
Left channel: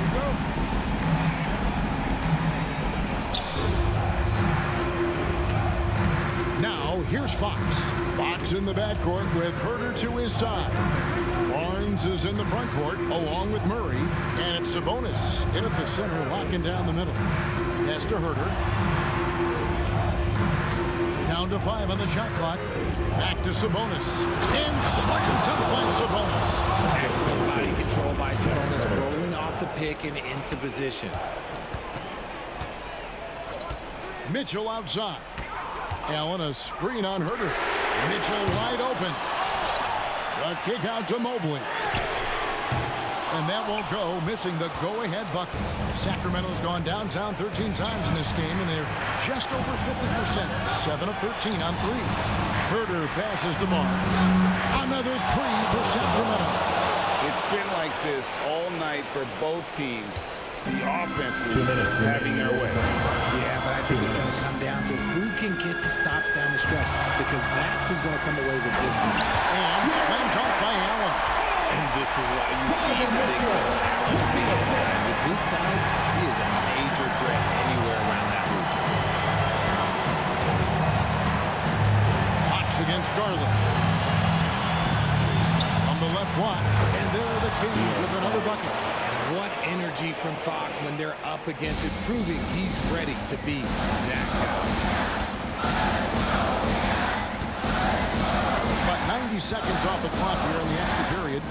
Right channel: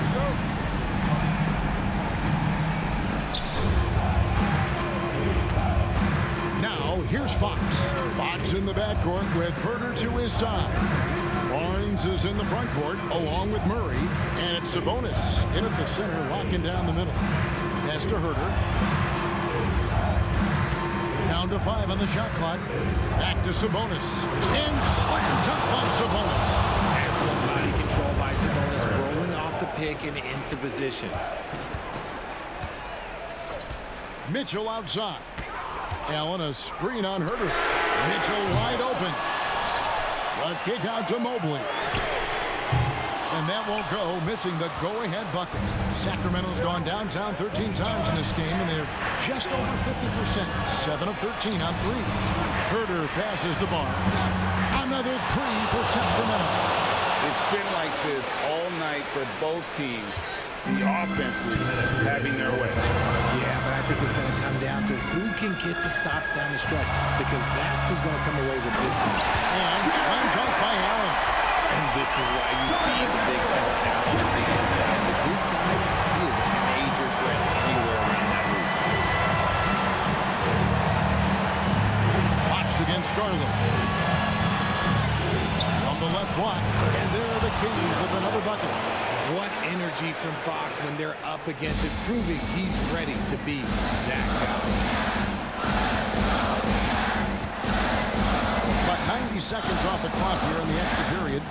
we go. Now, here's Fox. Fox in the backcourt with Herter to his side. Barnes is in the front court along with Murray. And it's Sabonis in at the center, locking down the middle. Pass to Herter. Down to 5 on the shot clock. Back to Sabonis. And slam dunk by Sabonis. Excellent body control by Sabonis, rolling off the pick and into position. Mitchell outside. Allen a screen on Herter. Mitchell wide open. A kick out to Mobley. And that won't go, missing the go-ahead bucket. Sacramento's gone downtown 13 times in this game, and they're just over 50%. 7 of 13 on threes. Herter passes to Barnes. Another three for Sacramento. It's been like this all night for both teams. The offenses having their way. Yeah, but I think it's going to come down to who can get the stops down the stretch, because that's who's going to come away with this one. And slam dunk by Allen. And this is why you feed the big fella Allen and the inside. With his size, he is a major threat anywhere around that hoop. Fox against Garland. From the left block, and there are the Kings with another bucket. What energy from Fox when they're up against it, proving he's ready to be that guy. About 90 seconds off the clock here in the extra period.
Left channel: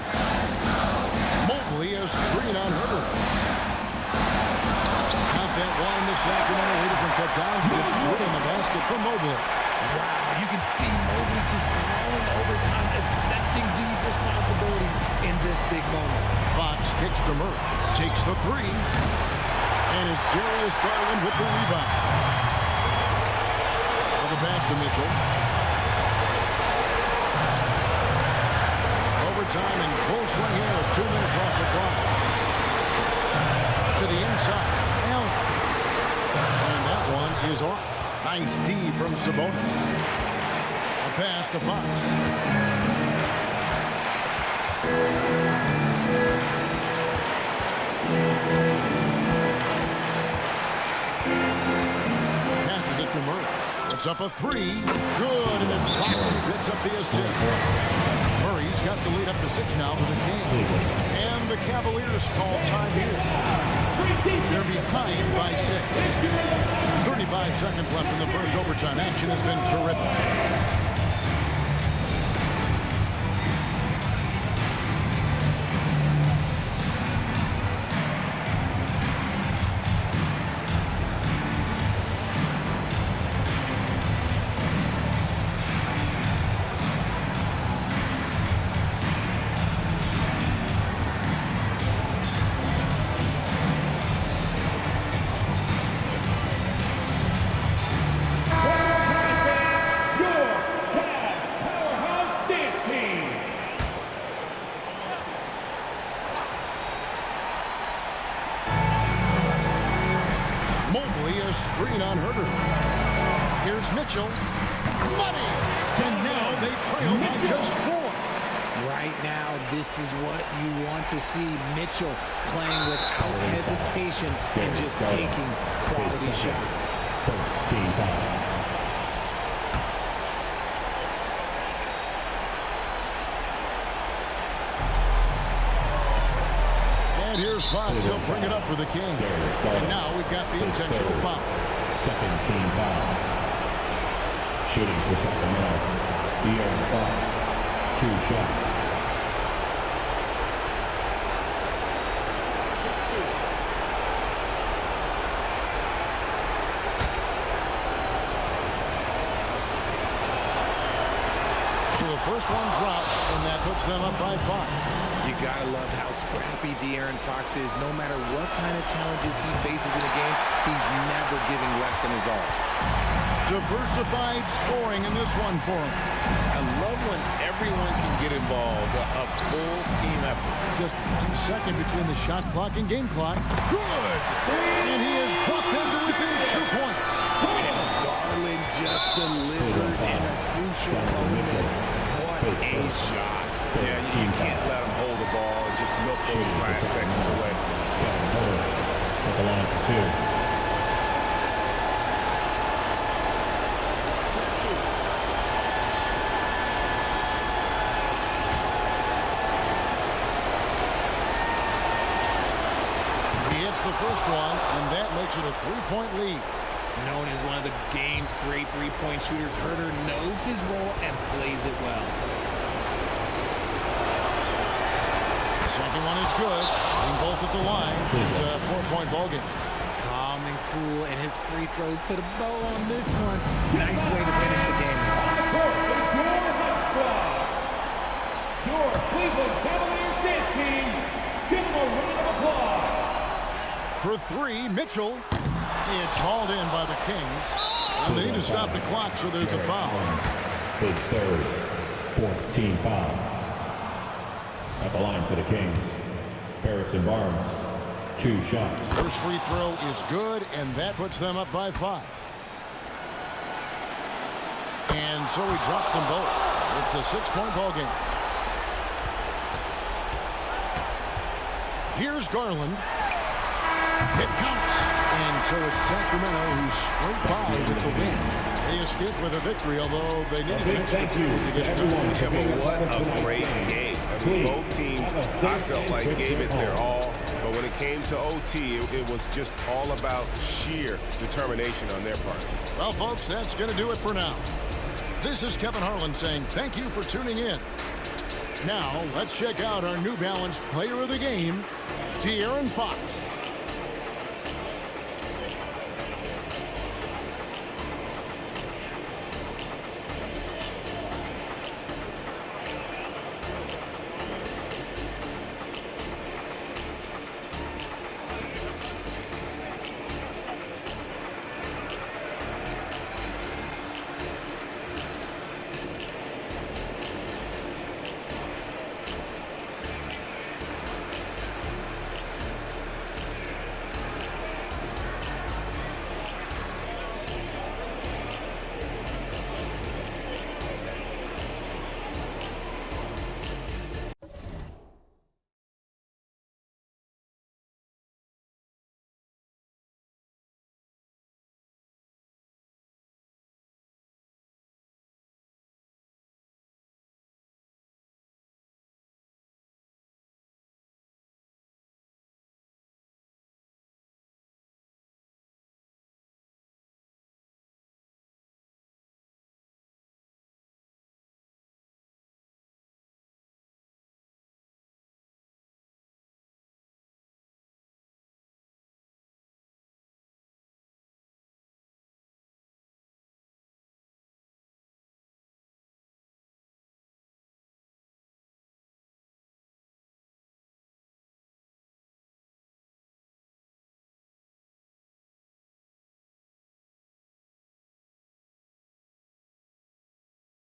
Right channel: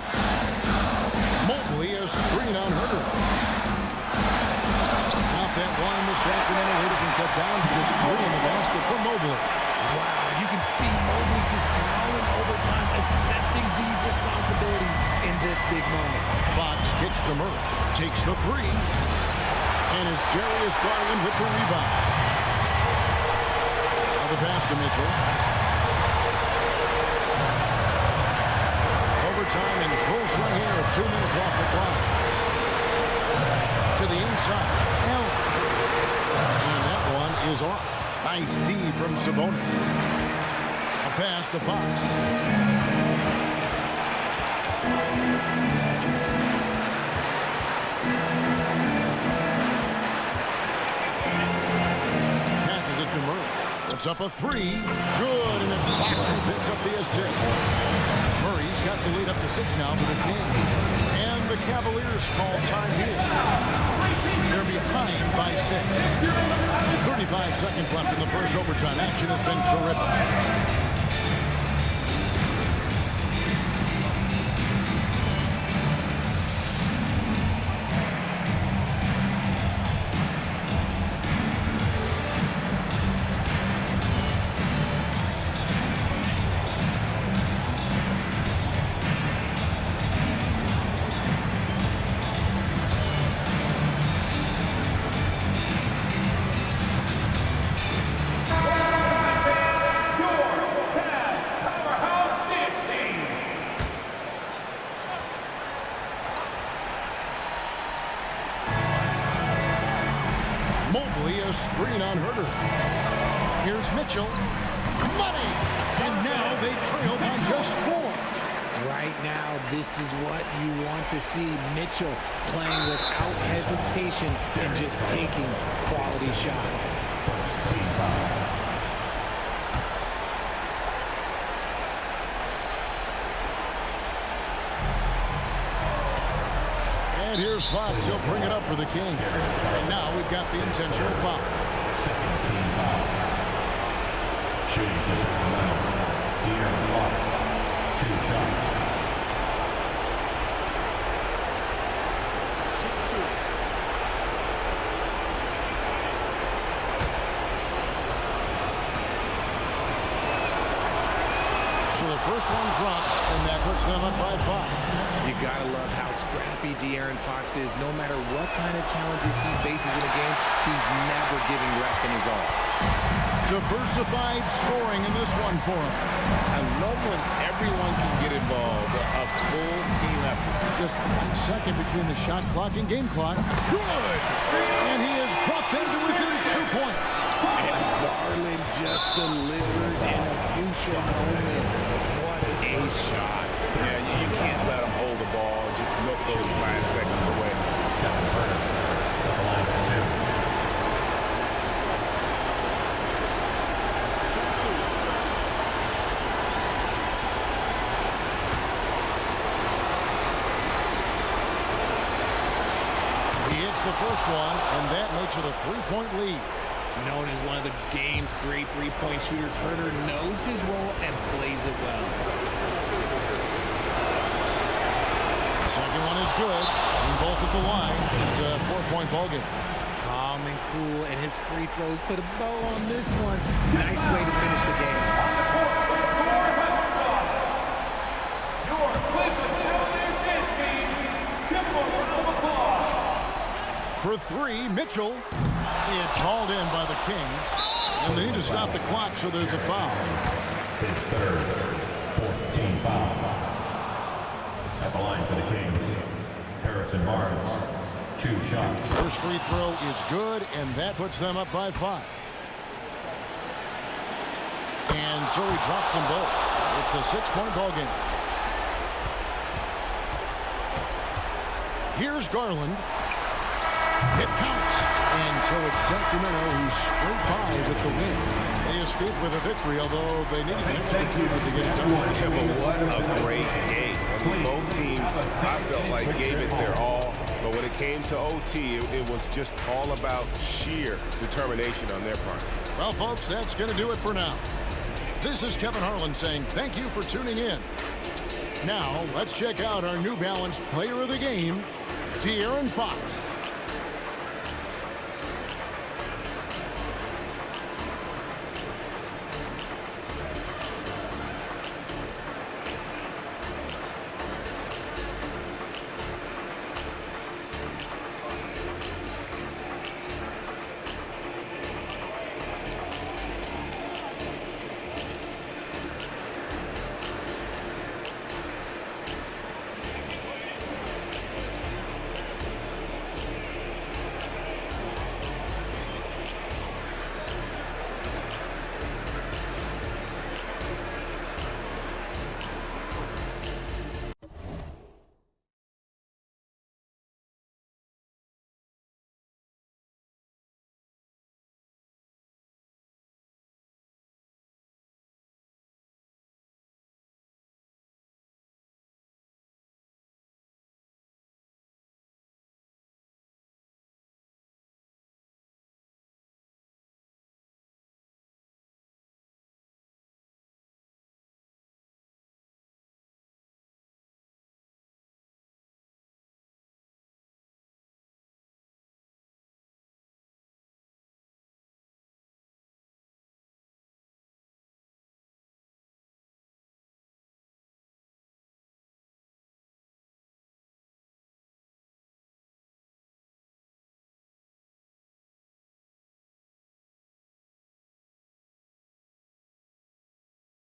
Mobley a screen on Herter. Count that one. The Sacramento leader can cut down to just 3 in the basket for Mobley. Wow, you can see Mobley just growing over time, accepting these responsibilities in this big moment. Fox kicks to Murray. Takes the 3. And it's Darius Garland with the rebound. Now the pass to Mitchell. Overtime in full swing here. 2 minutes off the clock. To the inside. Allen. And that one is off. Nice D from Sabonis. A pass to Fox. Passes it to Murray. Puts up a 3. Good, and it's Fox who picks up the assist. Murray's got the lead up to 6 now for the Kings. And the Cavaliers call time here. They're behind by 6. 35 seconds left in the first overtime. Action has been terrific. on Herder. Here's Mitchell. Money! And now they trail by just 4. Right now, this is what you want to see. Mitchell playing without hesitation and just taking quality shots. First team foul. And here's Fox. He'll bring it up for the King. And now we've got the intentional foul. Second team foul. Shooting for Sacramento. De'Aaron Fox. 2 shots. So the first one drops, and that puts them up by 5. You gotta love how scrappy De'Aaron Fox is. No matter what kind of challenges he faces in a game, he's never giving less than his all. Diversified scoring in this one for him. I love when everyone can get involved, a full team effort. Just 1 second between the shot clock and game clock. Good! And he has brought them to within 2 points. And Garland just delivers in a crucial moment. What a shot. Yeah, you can't let him hold the ball and just milk those last seconds away. Kevin Herder at the line for 2. He hits the first one, and that makes it a 3-point lead. Known as one of the game's great three-point shooters, Herder knows his role and plays it well. Second one is good. Being both at the line, it's a 4-point ball game. Calm and cool, and his free throws put a bow on this one. Nice way to finish the game. On the court, your hot squad, your Cleveland Cavaliers dance team. Give them a round of applause. For 3, Mitchell. It's hauled in by the Kings. And they need to stop the clock, so there's a foul. His third, 4th team foul. At the line for the Kings, Harrison Barnes, 2 shots. First free throw is good, and that puts them up by 5. And so he drops them both. It's a 6-point ball game. Here's Garland. It counts. And so it's Sacramento who scraped by with the win. They escaped with a victory, although they needed an extra period to get it done. Yeah, but what a great game. I mean, both teams, I felt like, gave it their all. But when it came to OT, it was just all about sheer determination on their part. Well, folks, that's going to do it for now. This is Kevin Harlan saying thank you for tuning in. Now, let's check out our New Balance player of the game, De'Aaron Fox.